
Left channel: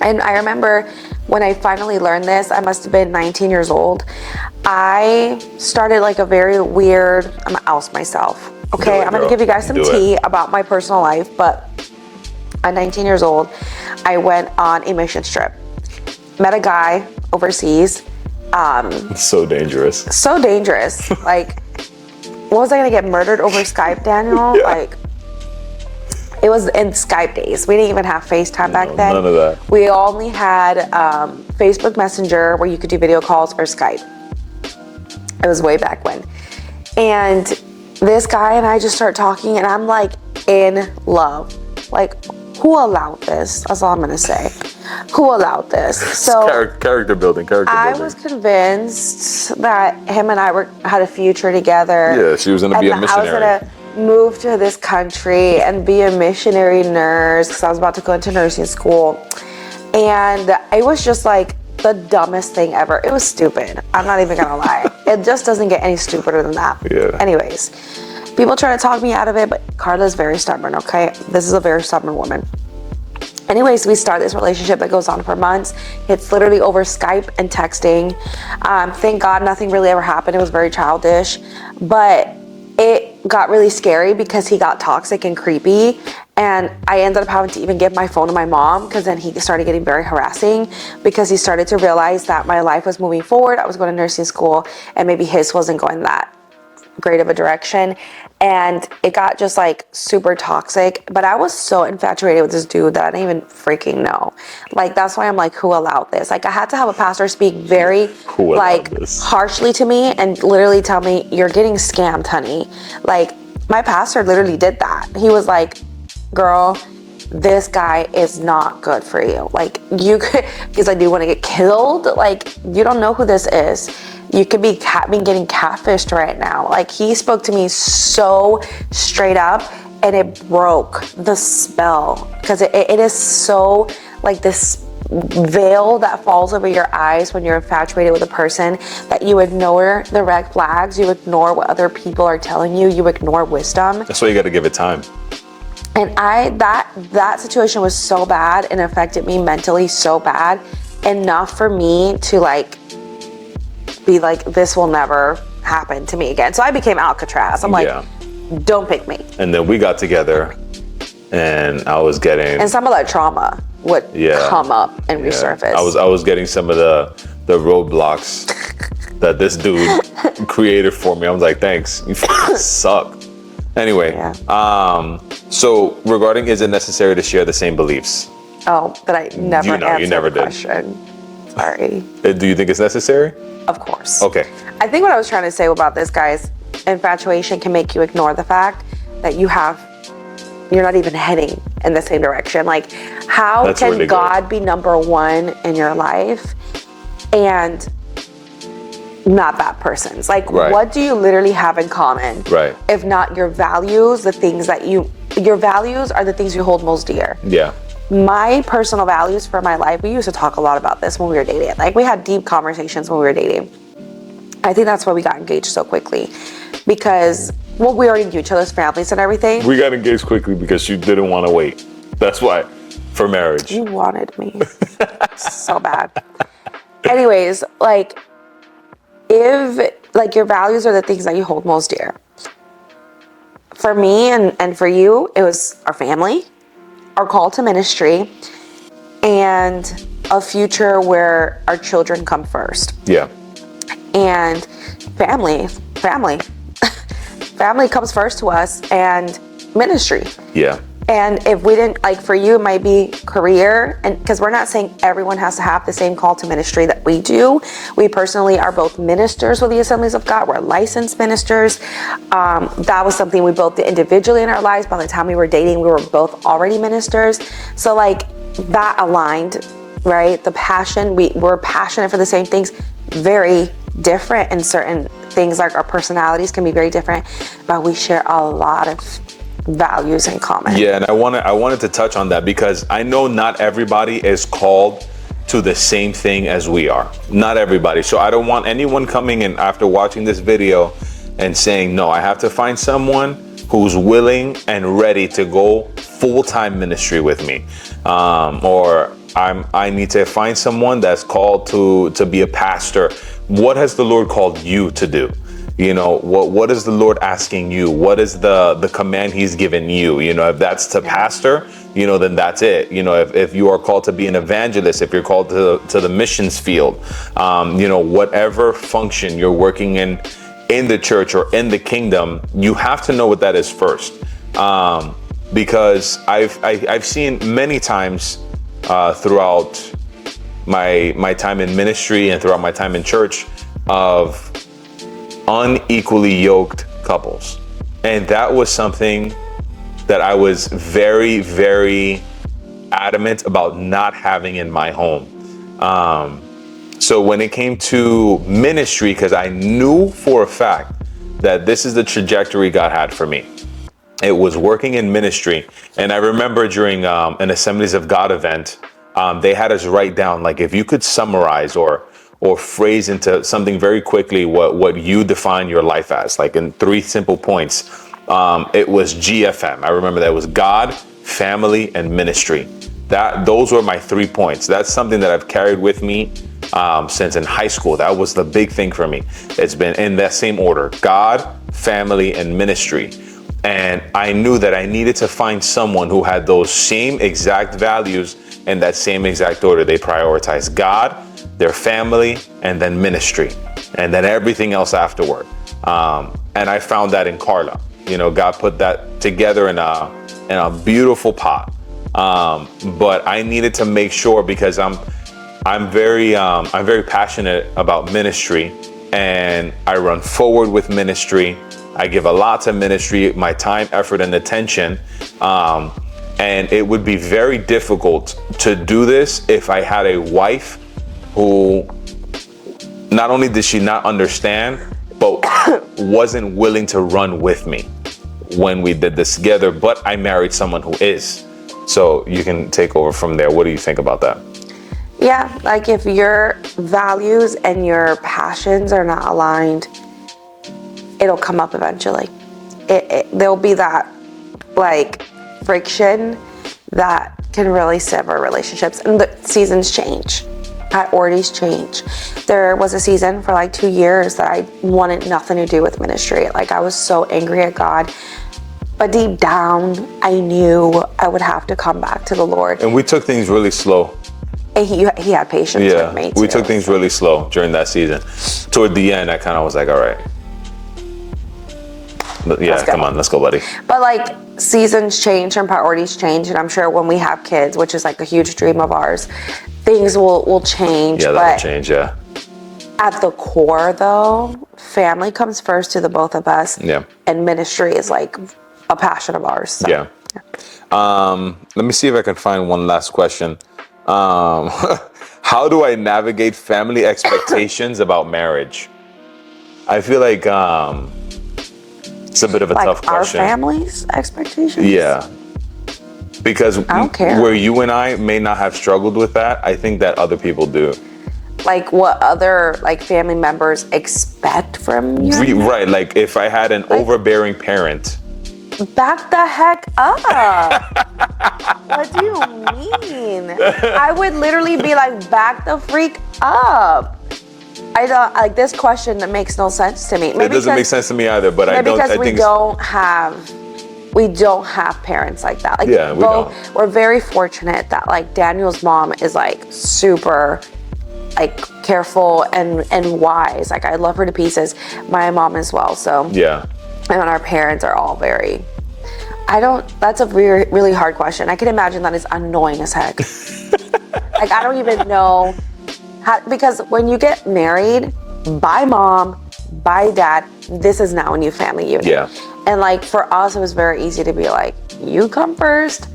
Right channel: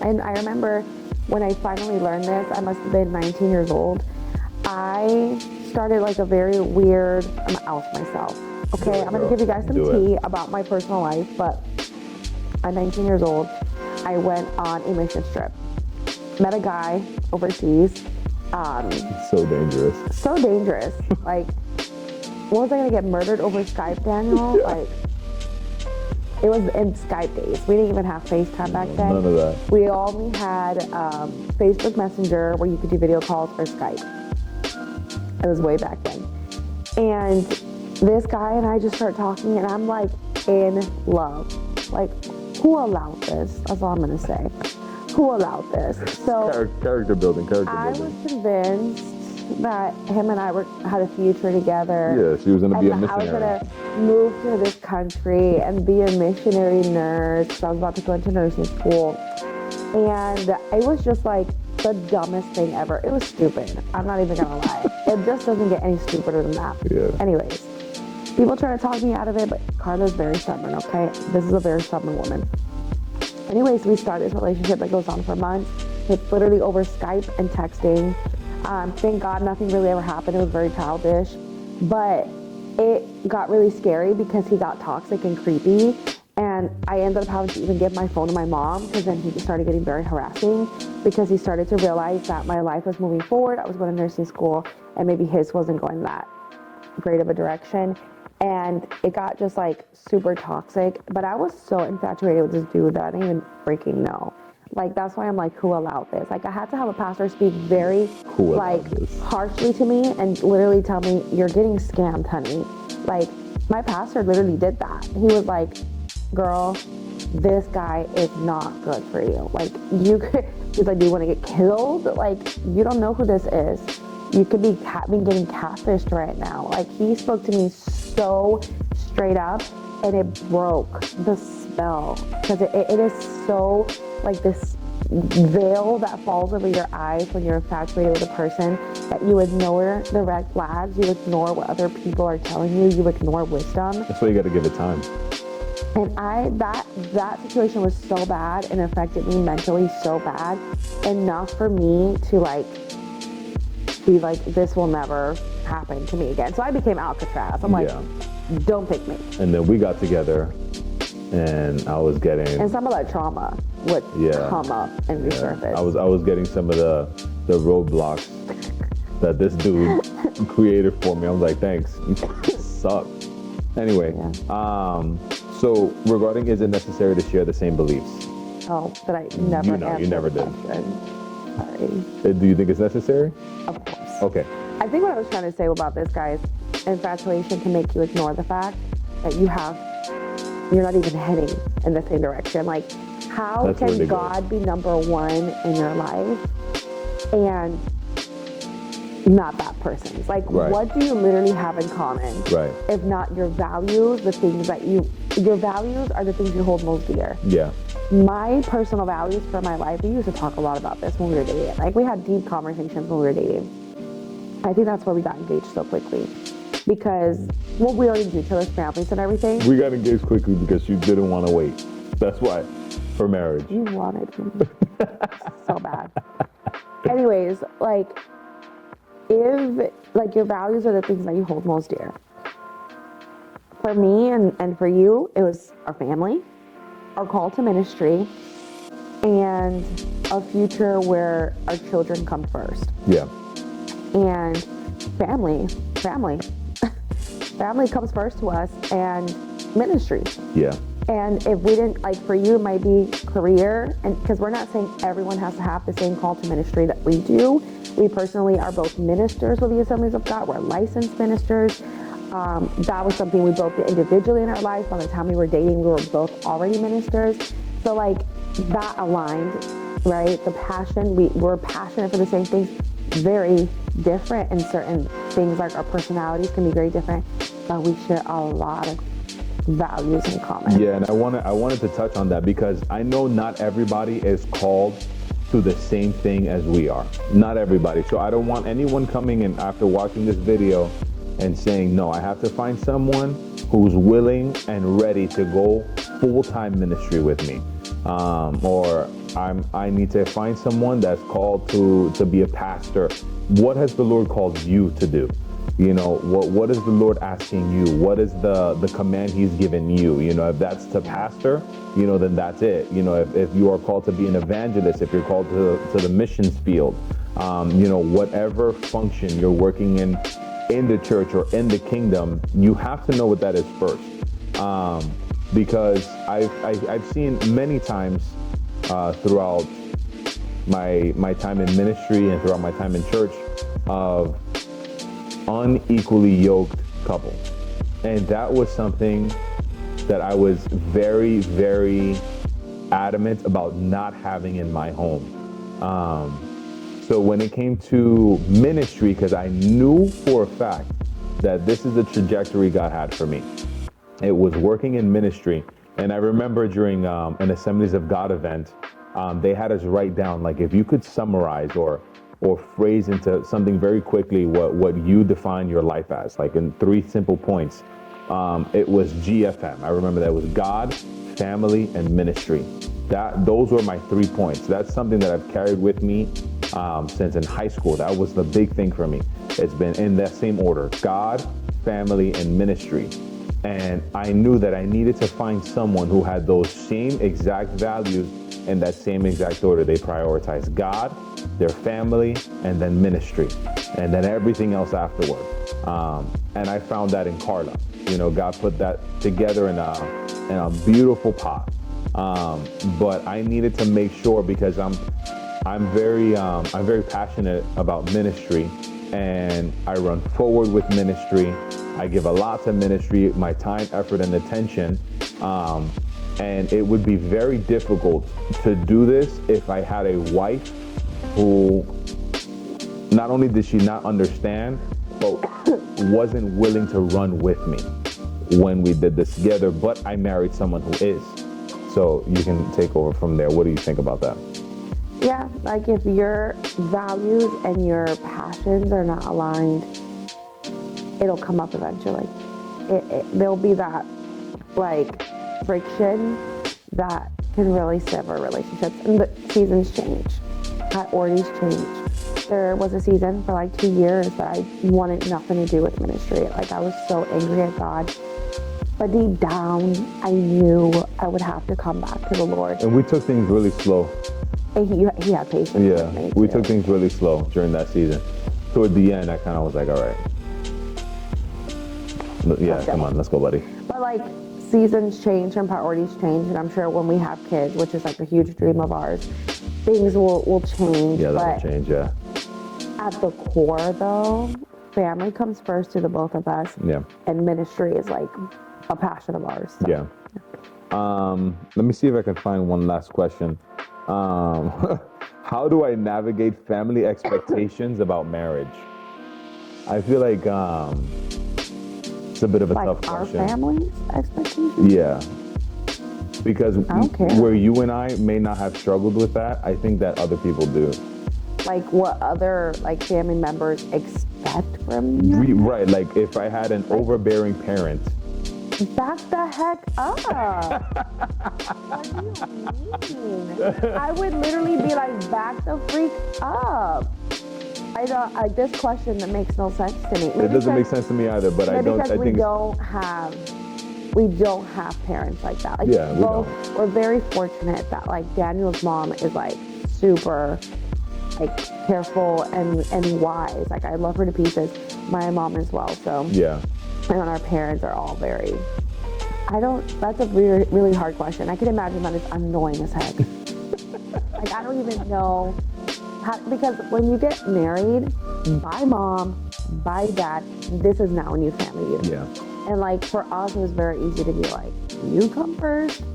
And I remember when I finally learned this, I must have been 19 years old. I started like a very weird, I'm gonna oust myself. Okay, I'm gonna give you guys some tea about my personal life, but at 19 years old, I went on a mission trip. Met a guy overseas. So dangerous. So dangerous. Like, what was I gonna get murdered over Skype, Daniel? Yeah. Like, it was in Skype days. We didn't even have FaceTime back then. None of that. We only had Facebook Messenger where you could do video calls or Skype. It was way back when. And this guy and I just start talking and I'm like in love. Like, who allowed this? That's all I'm gonna say. Who allowed this? So character building. I was convinced that him and I had a future together. Yeah, she was gonna be a missionary. I was gonna move to this country and be a missionary nurse because I was about to go into nursing school. And it was just like the dumbest thing ever. It was stupid. I'm not even gonna lie. It just doesn't get any stupider than that. Yeah. Anyways, people try to talk me out of it, but Carla's very stubborn, okay? This is a very stubborn woman. Anyways, we start this relationship that goes on for months. It's literally over Skype and texting. Thank God nothing really ever happened. It was very childish, but it got really scary because he got toxic and creepy. And I ended up having to even give my phone to my mom because then he started getting very harassing because he started to realize that my life was moving forward. I was going to nursing school and maybe his wasn't going that great of a direction. And it got just like super toxic. But I was so infatuated with this dude that I didn't even freaking know. Like, that's why I'm like, who allowed this? Like, I had to have a pastor speak very harshly to me and literally tell me, you're getting scammed, honey. Like, my pastor literally did that. He was like, girl, this guy is not good for you. Like, you could, because like, do you want to get killed? Like, you don't know who this is. You could be getting catfished right now. Like, he spoke to me so straight up and it broke the spell because it is so like this veil that falls over your eyes when you're infatuated with a person that you ignore the red flags, you ignore what other people are telling you, you ignore wisdom. That's why you got to give it time. And that situation was so bad and affected me mentally so bad, enough for me to like be like, this will never happen to me again. So I became Alcatraz. I'm like, don't pick me. And then we got together and I was getting... And some of that trauma would come up and resurface. I was getting some of the roadblocks that this dude created for me. I was like, thanks, you fucking suck. Anyway, so regarding, is it necessary to share the same beliefs? Oh, but I never answered you never the did. question. Sorry. Do you think it's necessary? Of course. Okay. I think what I was trying to say about this, guys, infatuation can make you ignore the fact that you're not even heading in the same direction. Like, how can really God be number one in your life and not that person's? Like, what do you literally have in common? Right. If not your values, the things that your values are the things you hold most dear. Yeah. my personal values for my life, we used to talk a lot about this when we were dating. Like, we had deep conversations when we were dating. I think that's why we got engaged so quickly, because, well, we already knew each other's families and everything. We got engaged quickly because you didn't want to wait. That's why, for marriage. You wanted me so bad. Anyways, like, if, like, your values are the things that you hold most dear. For me and for you, it was our family, our call to ministry, and a future where our children come first. Yeah. And family comes first to us, and ministry. Yeah. And if we didn't, like, for you, it might be career, and because we're not saying everyone has to have the same call to ministry that we do. We personally are both ministers with the Assemblies of God. We're licensed ministers. That was something we both did individually in our lives. By the time we were dating, we were both already ministers. So, like, that aligned, right? The passion, we're passionate for the same things, very different in certain things, like our personalities can be very different, but we share a lot of values in common. Yeah, and I wanted to touch on that because I know not everybody is called to the same thing as we are. Not everybody. So I don't want anyone coming in after watching this video and saying, no, I have to find someone who's willing and ready to go full-time ministry with me. Or I need to find someone that's called to be a pastor. What has the Lord called you to do? You know, what is the Lord asking you? What is the command he's given you? You know, if that's to pastor, you know, then that's it. You know, if you are called to be an evangelist, if you're called to the missions field, you know, whatever function you're working in the church or in the kingdom, you have to know what that is first. Because I've seen many times throughout my time in ministry and throughout my time in church of unequally yoked couples. And that was something that I was very, very adamant about not having in my home. So when it came to ministry, because I knew for a fact that this is the trajectory God had for me, it was working in ministry. And I remember during an Assemblies of God event, they had us write down, like, if you could summarize or phrase into something very quickly what you define your life as, like in 3 simple points. It was GFM. I remember that it was God, family, and ministry. Those were my 3 points. That's something that I've carried with me since in high school. That was the big thing for me. It's been in that same order: God, family, and ministry. And I knew that I needed to find someone who had those same exact values in that same exact order. They prioritize God, their family, and then ministry, and then everything else afterward. And I found that in Carla. You know, God put that together in a beautiful pot. But I needed to make sure, because I'm very passionate about ministry, and I run forward with ministry. I give a lot to ministry, my time, effort, and attention. And it would be very difficult to do this if I had a wife who not only did she not understand, but wasn't willing to run with me when we did this together. But I married someone who is. So you can take over from there. What do you think about that? Yeah, like, if your values and your passions are not aligned, it'll come up eventually. There'll be that, like, friction that can really sever relationships. And the seasons change. Priorities change. There was a season for like 2 years that I wanted nothing to do with ministry. Like, I was so angry at God. But deep down, I knew I would have to come back to the Lord. And we took things really slow. And he had patience with me too. We took things really slow during that season. Toward the end, I kind of was like, all right. Yeah, come on, let's go, buddy. But, like, seasons change and priorities change, and I'm sure when we have kids, which is like a huge dream of ours, things will change. Yeah, that will change, yeah. At the core, though, family comes first to the both of us. Yeah. And ministry is like a passion of ours. So, yeah. Let me see if I can find one last question. How do I navigate family expectations about marriage? I feel like it's a bit of a tough question. Our family's expectations? Yeah. Because I don't care. where you and I may not have struggled with that, I think that other people do. Like what other like family members expect from you? Right, like if I had an overbearing parent. Back the heck up. What do you mean? I would literally be like, back the freak up. I don't like this question that makes no sense to me. It doesn't make sense to me either, but I don't. Because I we think don't have parents like that. Like, yeah, we're very fortunate that like Daniel's mom is like super like careful and wise. Like I love her to pieces. My mom as well. So yeah. and our parents are all very. That's a really, really hard question. I can imagine that is annoying as heck. Like I don't even know how, because when you get married by mom, by dad, this is now a new family unit. Yeah. And like for us, it was very easy to be like, you come first,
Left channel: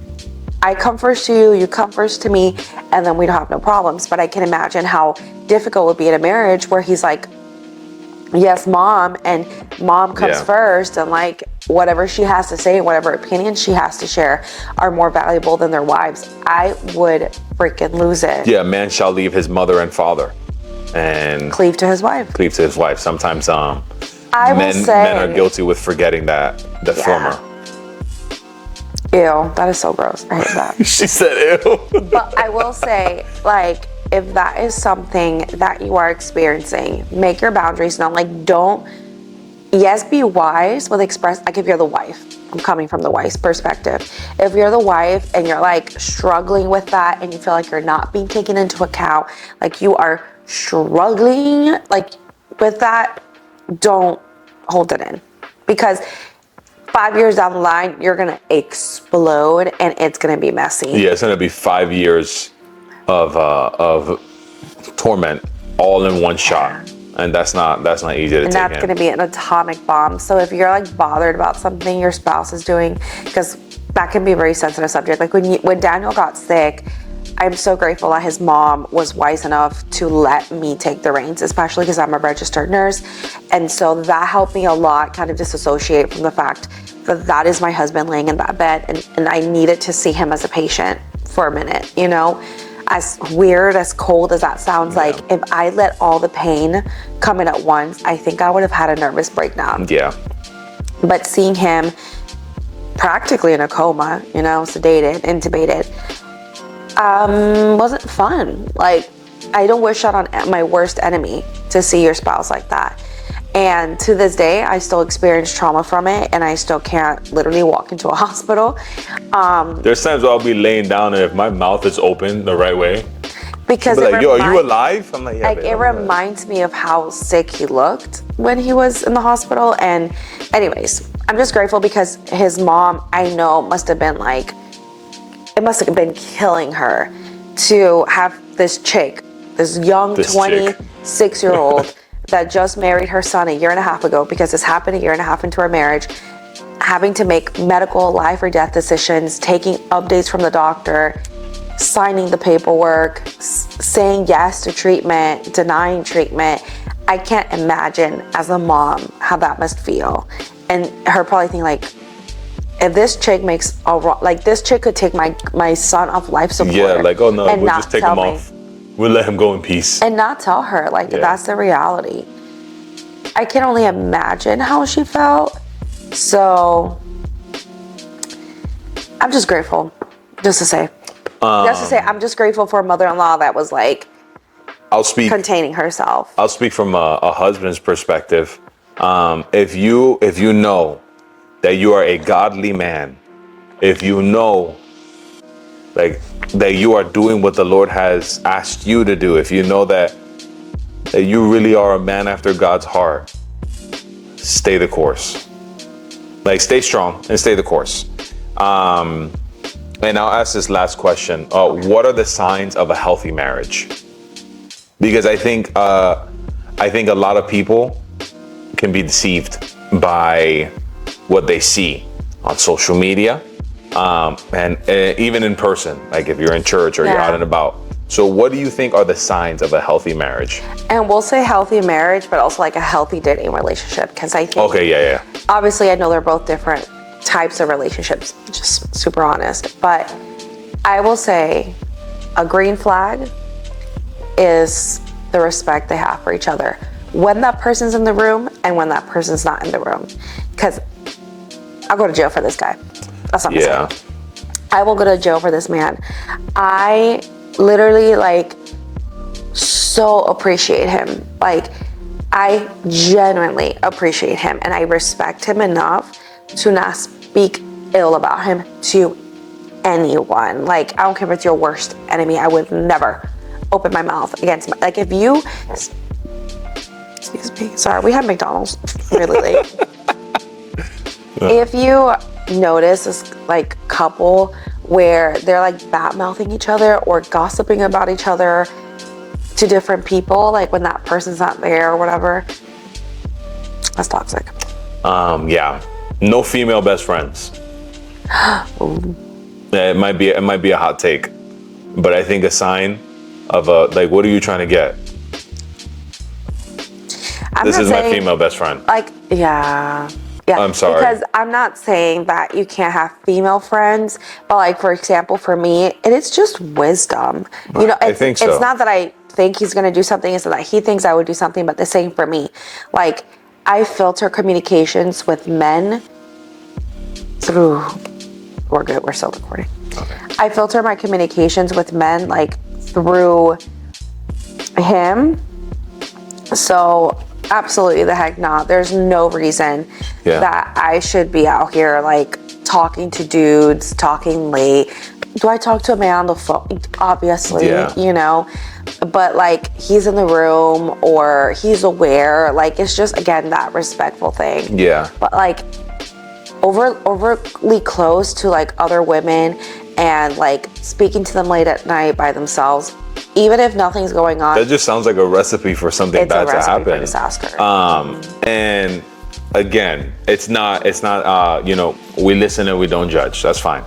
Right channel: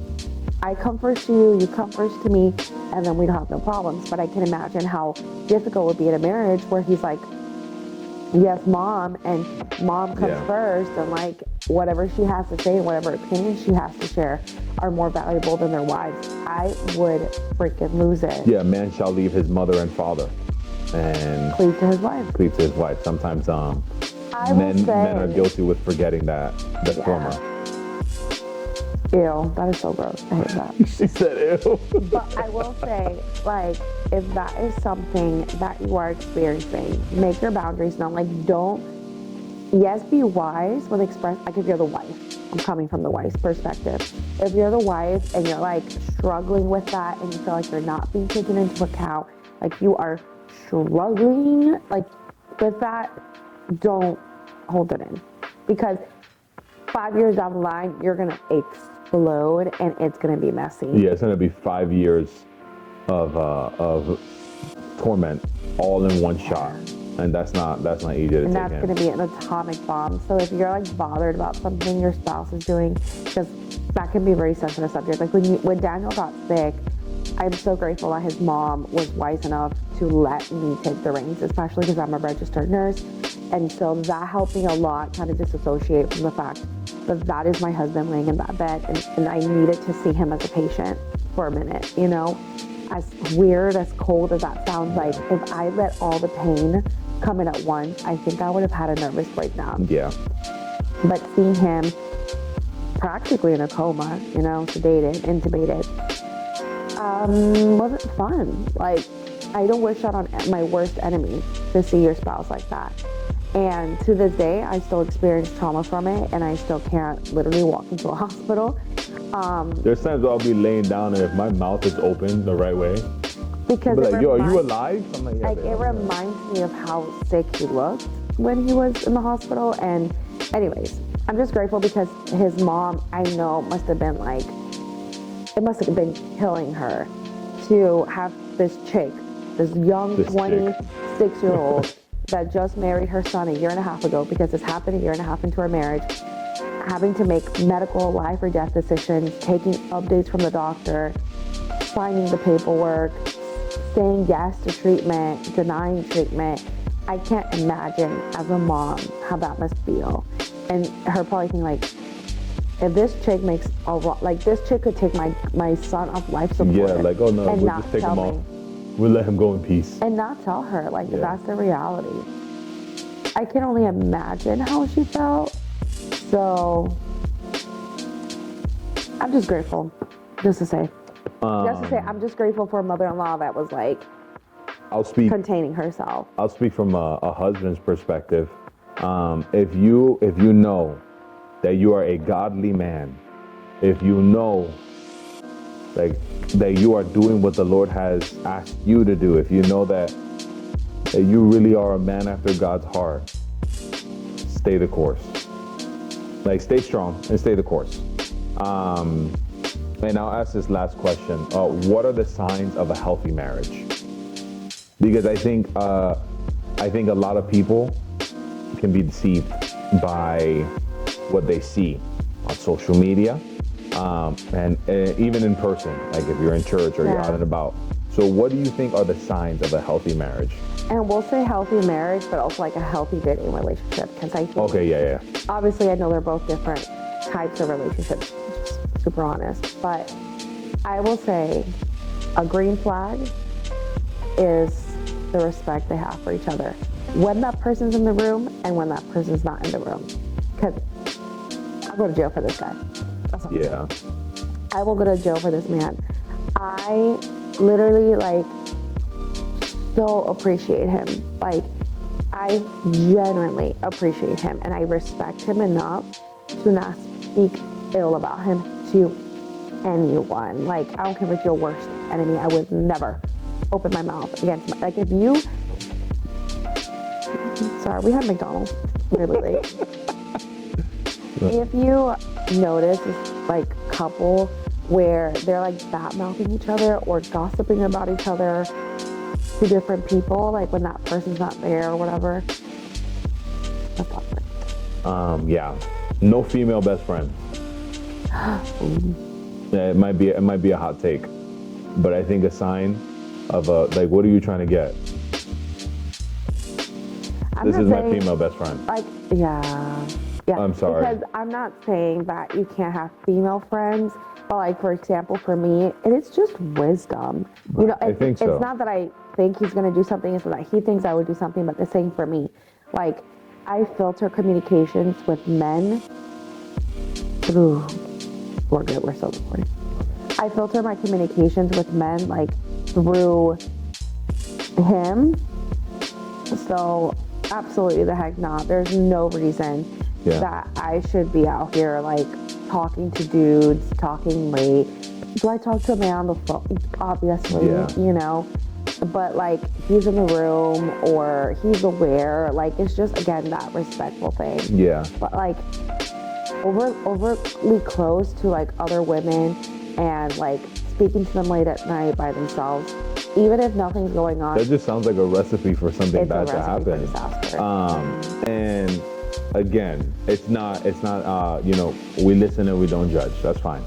I come first to you, you come first to me, and then we'd have no problems. But I can imagine how difficult it would be in a marriage where he's like, yes, mom, and mom comes first, and like whatever she has to say, whatever opinions she has to share are more valuable than their wives. I would freaking lose it. Yeah, man shall leave his mother and father and Cleave to his wife. Cleave to his wife. Sometimes men are guilty with forgetting the former. Ew, that is so gross. I hate that. She said ew. But I will say, like, if that is something that you are experiencing, make your boundaries known. Like, be wise with express, like if you're the wife, I'm coming from the wife's perspective. If you're the wife and you're like struggling with that and you feel like you're not being taken into account, like you are struggling like with that, don't hold it in. Because 5 years down the line, you're gonna explode and it's gonna be messy. Yeah, it's gonna be 5 years of torment all in one shot, and that's not easy to take in. And that's gonna be an atomic bomb. So if you're like bothered about something your spouse is doing, because that can be a very sensitive subject. Like when Daniel got sick, I'm so grateful that his mom was wise enough to let me take the reins, especially because I'm a registered nurse. And so that helped me a lot kind of disassociate from the fact that that is my husband laying in that bed and I needed to see him as a patient for a minute, you know? As weird, as cold as that sounds, like if I let all the pain come in at once, I think I would have had a nervous breakdown. Yeah. But seeing him practically in a coma, you know, sedated, intubated, wasn't fun. Like, I don't wish that on my worst enemy to see your spouse like that. And to this day, I still experience trauma from it, and I still can't literally walk into a hospital. There's times where I'll be laying down, and if my mouth is open the right way, because like, yo, are you alive? I'm like, yeah. Like, it reminds me of how sick he looked when he was in the hospital. And anyways, I'm just grateful because his mom, I know, must have been like, it must have been killing her to have this chick, this young 26-year-old that just married her son a year and a half ago, because this happened a year and a half into our marriage, having to make medical life or death decisions, taking updates from the doctor, signing the paperwork, saying yes to treatment, denying treatment. I can't imagine as a mom how that must feel. And her probably thinking like, if this chick makes a wrong, like this chick could take my son off life support. Yeah, like, oh no, and we'll just take him off. We'll let him go in peace. And not tell her, like, that's the reality. I can only imagine how she felt. So I'm just grateful, just to say. I'm just grateful for a mother-in-law that was like, containing herself. I'll speak from a husband's perspective. If you know that you are a godly man, if you know like that you are doing what the Lord has asked you to do, if you know that you really are a man after God's heart, stay the course. Like, stay strong and stay the course. And I'll ask this last question. What are the signs of a healthy marriage? Because I think a lot of people can be deceived by what they see on social media, and even in person, like if you're in church or you're out and about. So what do you think are the signs of a healthy marriage? And we'll say healthy marriage, but also like a healthy dating relationship, because I think, obviously I know they're both different types of relationships, just super honest. But I will say a green flag is the respect they have for each other when that person's in the room and when that person's not in the room. Because I'll go to jail for this guy. That's not mistake. I will go to jail for this man. I literally like so appreciate him. Like I genuinely appreciate him and I respect him enough to not speak ill about him to anyone. Like I don't care if it's your worst enemy. I would never open my mouth against like if you, excuse me, sorry, we had McDonald's really late. If you notice this like couple where they're like bad mouthing each other or gossiping about each other to different people, like when that person's not there or whatever, that's toxic. Yeah, no female best friends. It might be a hot take, but I think a sign of a like, what are you trying to get? This is my female best friend. Like, yeah. I'm sorry. Because I'm not saying that you can't have female friends, but like, for example, for me, it is just wisdom. You know, I think so. It's not that I think he's going to do something, it's that he thinks I would do something, but the same for me. Like, I filter communications with men through, we're good, we're still recording. Okay. I filter my communications with men like through him. So absolutely the heck not. There's no reason that I should be out here like talking to dudes, talking late. Do I talk to a man on the phone? Obviously, you know, but like he's in the room or he's aware. Like it's just, again, that respectful thing. Yeah. But like overly close to like other women and like speaking to them late at night by themselves, even if nothing's going on. That just sounds like a recipe for something bad to happen. For disaster. And again, it's not, you know, we listen and we don't judge. That's fine.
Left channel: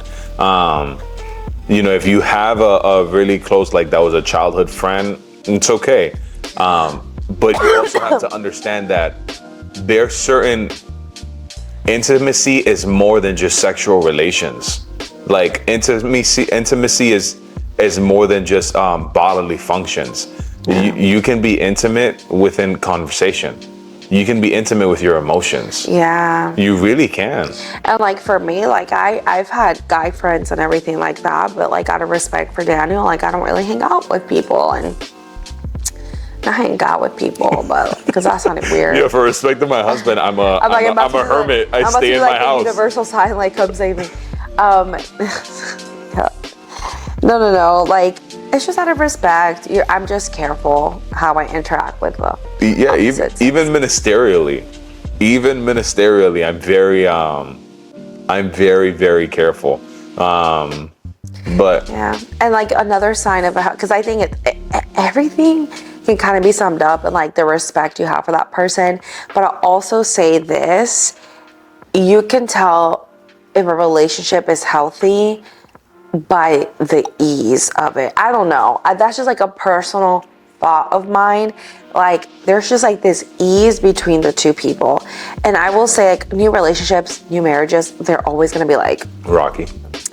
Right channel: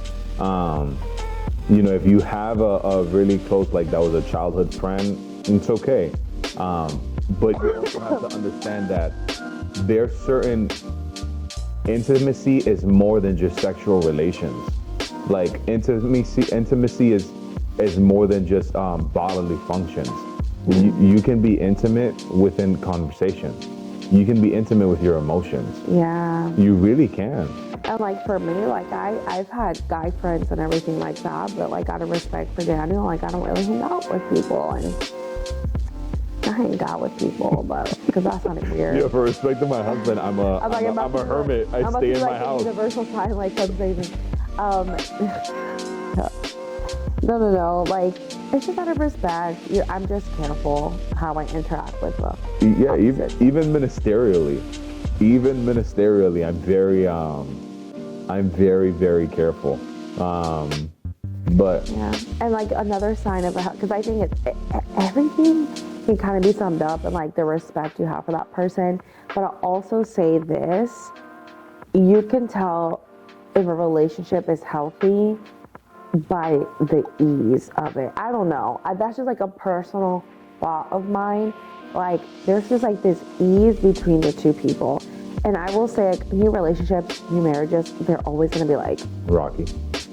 You know, if you have a really close, like that was a childhood friend, it's okay. But you also have to understand that there's certain intimacy is more than just sexual relations. Like intimacy is more than just bodily functions. You can be intimate within conversation. You can be intimate with your emotions. Yeah. You really can. And like for me, like I've had guy friends and everything like that, but like out of respect for Daniel, like I don't really hang out with people and I hang out with people, but because that sounded weird. Yeah, for respect to my husband, I'm a hermit. I stay in my house. Universal sign, like come save me. No. Like it's just out of respect. I'm just careful how I interact with them. Yeah, even ministerially, I'm very, very careful. But yeah, and like another sign of because I think everything can kind of be summed up in like the respect you have for that person. But I'll also say this: you can tell if a relationship is healthy by the ease of it. I don't know. That's just like a personal thought of mine. Like there's just like this ease between the two people. And I will say like new relationships, new marriages, they're always going to be like rocky. A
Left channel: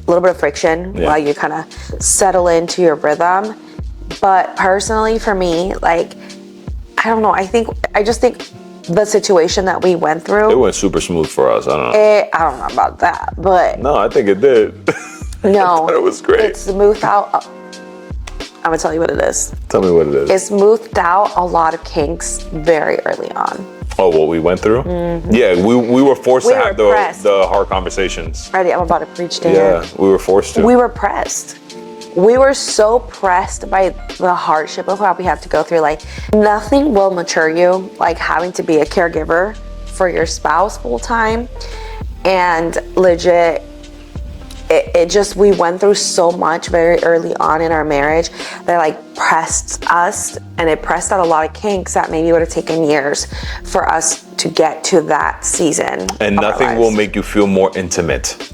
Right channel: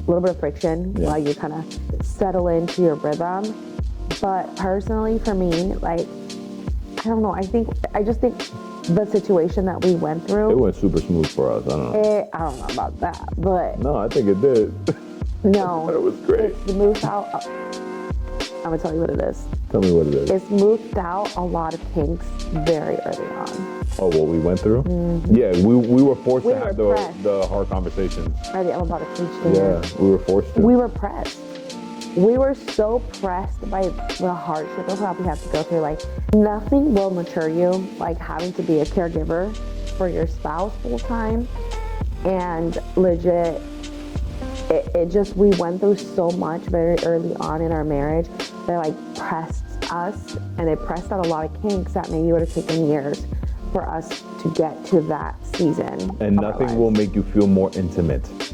little bit of friction while you kind of settle into your rhythm. But personally for me, like, I don't know. I just think the situation that we went through. It went super smooth for us. I don't know. I don't know about that, but. No, I think it did. No. It was great. It smoothed out. I'm gonna tell you what it is. Tell me what it is. It smoothed out a lot of kinks very early on. Oh, what we went through? Mm-hmm. Yeah, we were forced to have the hard conversations. Ready, I'm about to preach to you. Yeah, we were forced to. We were pressed. We were so pressed by the hardship of what we have to go through. Like, nothing will mature you like having to be a caregiver for your spouse full time. And legit, it just, we went through so much very early on in our marriage that like pressed us, and it pressed out a lot of kinks that maybe would have taken years for us to get to that season. And nothing will make you feel more intimate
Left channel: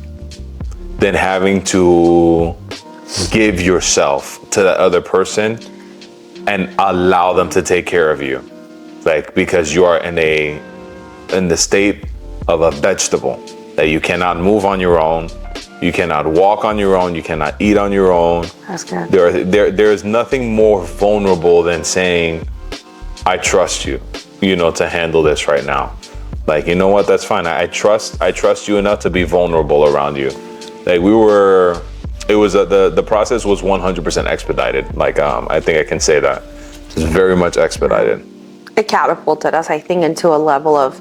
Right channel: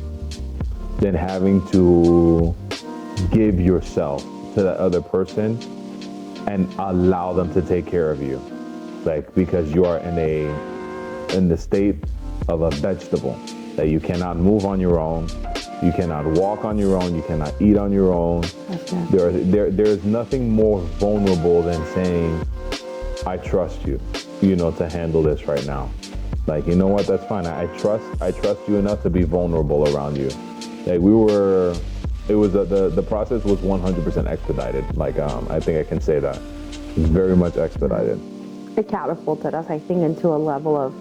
than having to give yourself to that other person and allow them to take care of you. Like, because you are in the state of a vegetable. that you cannot move on your own. You cannot walk on your own. You cannot eat on your own. That's good. There is nothing more vulnerable than saying, I trust you, to handle this right now. Like, you know what? That's fine. I trust you enough to be vulnerable around you. Like the process was 100% expedited. Like, I think I can say that. It's very much expedited. It catapulted us, I think, into a level of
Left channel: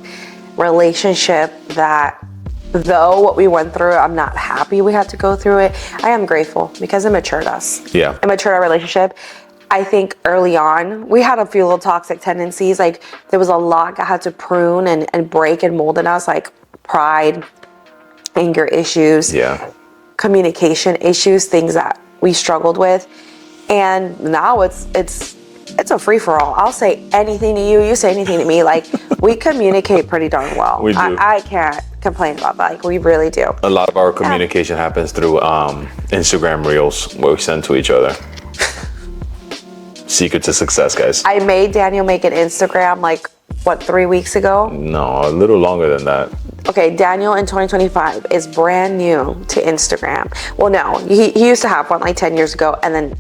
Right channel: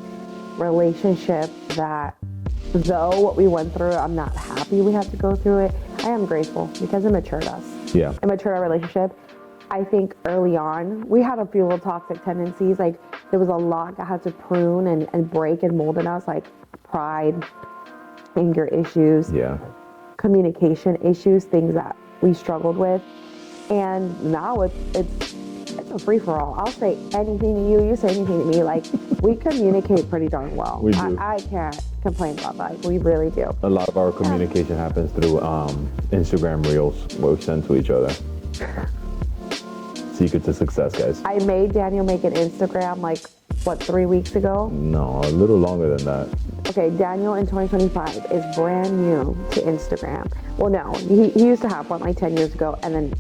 relationship that, though what we went through, I'm not happy we had to go through it. I am grateful because it matured us. Yeah. It matured our relationship. I think early on, we had a few little toxic tendencies. Like, there was a lot I had to prune and break and mold in us, like pride, anger issues, communication issues, things that we struggled with. And now it's a free-for-all. I'll say anything to you, you say anything to me. Like, we communicate pretty darn well. We do. I can't complain about that. Like, we really do. A lot of our communication happens through Instagram reels where we send to each other. Secret to success, guys. I made Daniel make an Instagram, 3 weeks ago? No, a little longer than that. Okay, Daniel in 2025 is brand new to Instagram. Well, no, he used to have one 10 years ago and then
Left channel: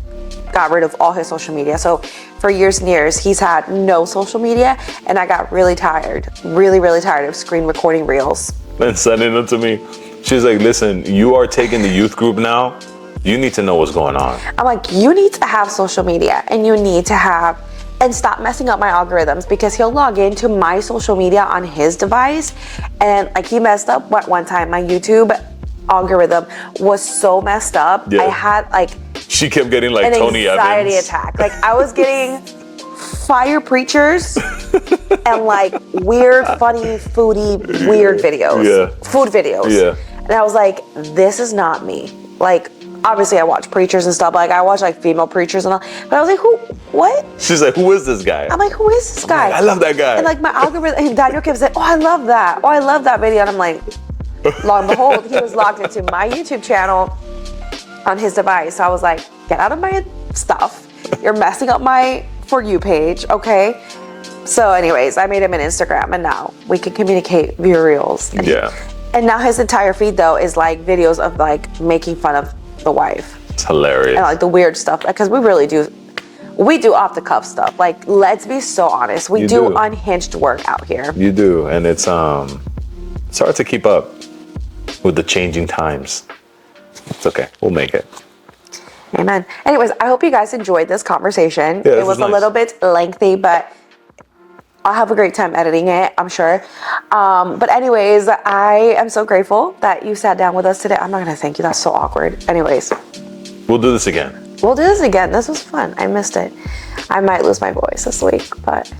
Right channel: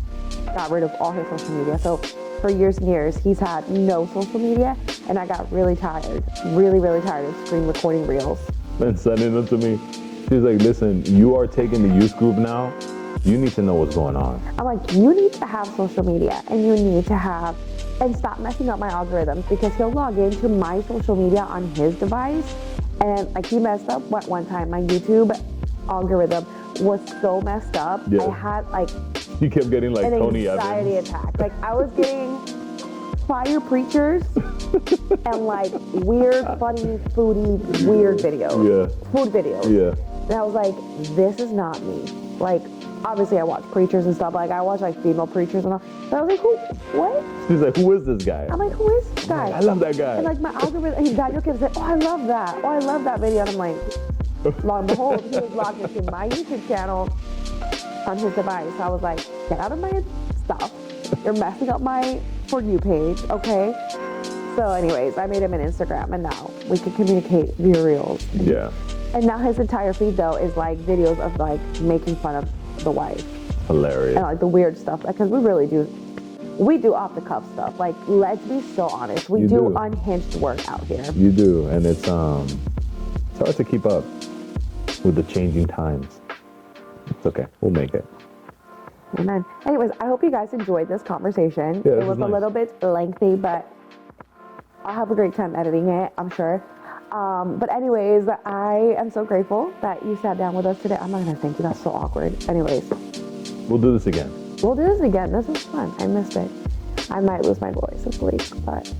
got rid of all his social media. So for years and years, he's had no social media, and I got really tired, really, really tired of screen recording reels. And sending them to me. She's like, listen, you are taking the youth group now. You need to know what's going on. I'm like, you need to have social media, and you need to have, and stop messing up my algorithms, because he'll log into my social media on his device, and he messed up one time. My YouTube algorithm was so messed up. I had she kept getting an Tony anxiety Evans attack. I was getting fire preachers and weird, funny, foodie, weird videos, food videos. Yeah. And I was like, this is not me. Obviously I watch preachers and stuff. I watch female preachers and all, but I was like, what? She's like, who is this guy? I'm like, who is this guy? I love that guy. And my algorithm, and Daniel kept saying, oh, I love that. Oh, I love that video. And I'm like, lo and behold, he was logged into my YouTube channel on his device. So I was like, get out of my stuff. You're messing up my For You page, okay? So anyways, I made him an Instagram, and now we can communicate via reels. And now his entire feed, though, is videos of making fun of the wife. It's hilarious. And the weird stuff, because we really do. We do off the cuff stuff. Let's be so honest. We do unhinged work out here. You do, and it's hard to keep up with the changing times. It's okay. We'll make it. Amen. Anyways, I hope you guys enjoyed this conversation. It was nice. A little bit lengthy, but I'll have a great time editing it, I'm sure. But anyways, I am so grateful that you sat down with us today. I'm not gonna thank you, that's so awkward. Anyways. We'll do this again. We'll do this again. This was fun. I missed it. I might lose my voice this week, but.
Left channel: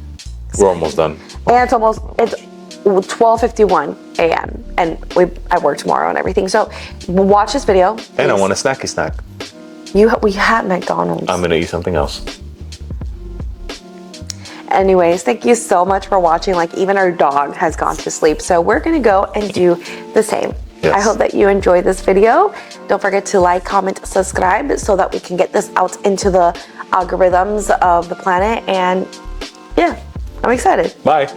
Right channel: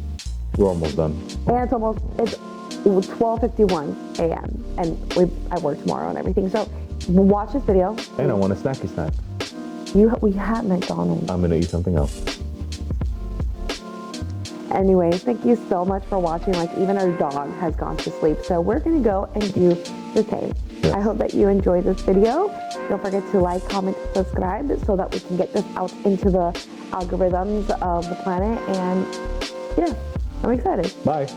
We're almost done. And it's 12:51 a.m. and I work tomorrow and everything. So watch this video. Please. And I want a snacky snack. We had McDonald's. I'm gonna eat something else. Anyways, thank you so much for watching. Even our dog has gone to sleep. So we're gonna go and do the same. Yes. I hope that you enjoyed this video. Don't forget to like, comment, subscribe so that we can get this out into the algorithms of the planet. And yeah, I'm excited. Bye.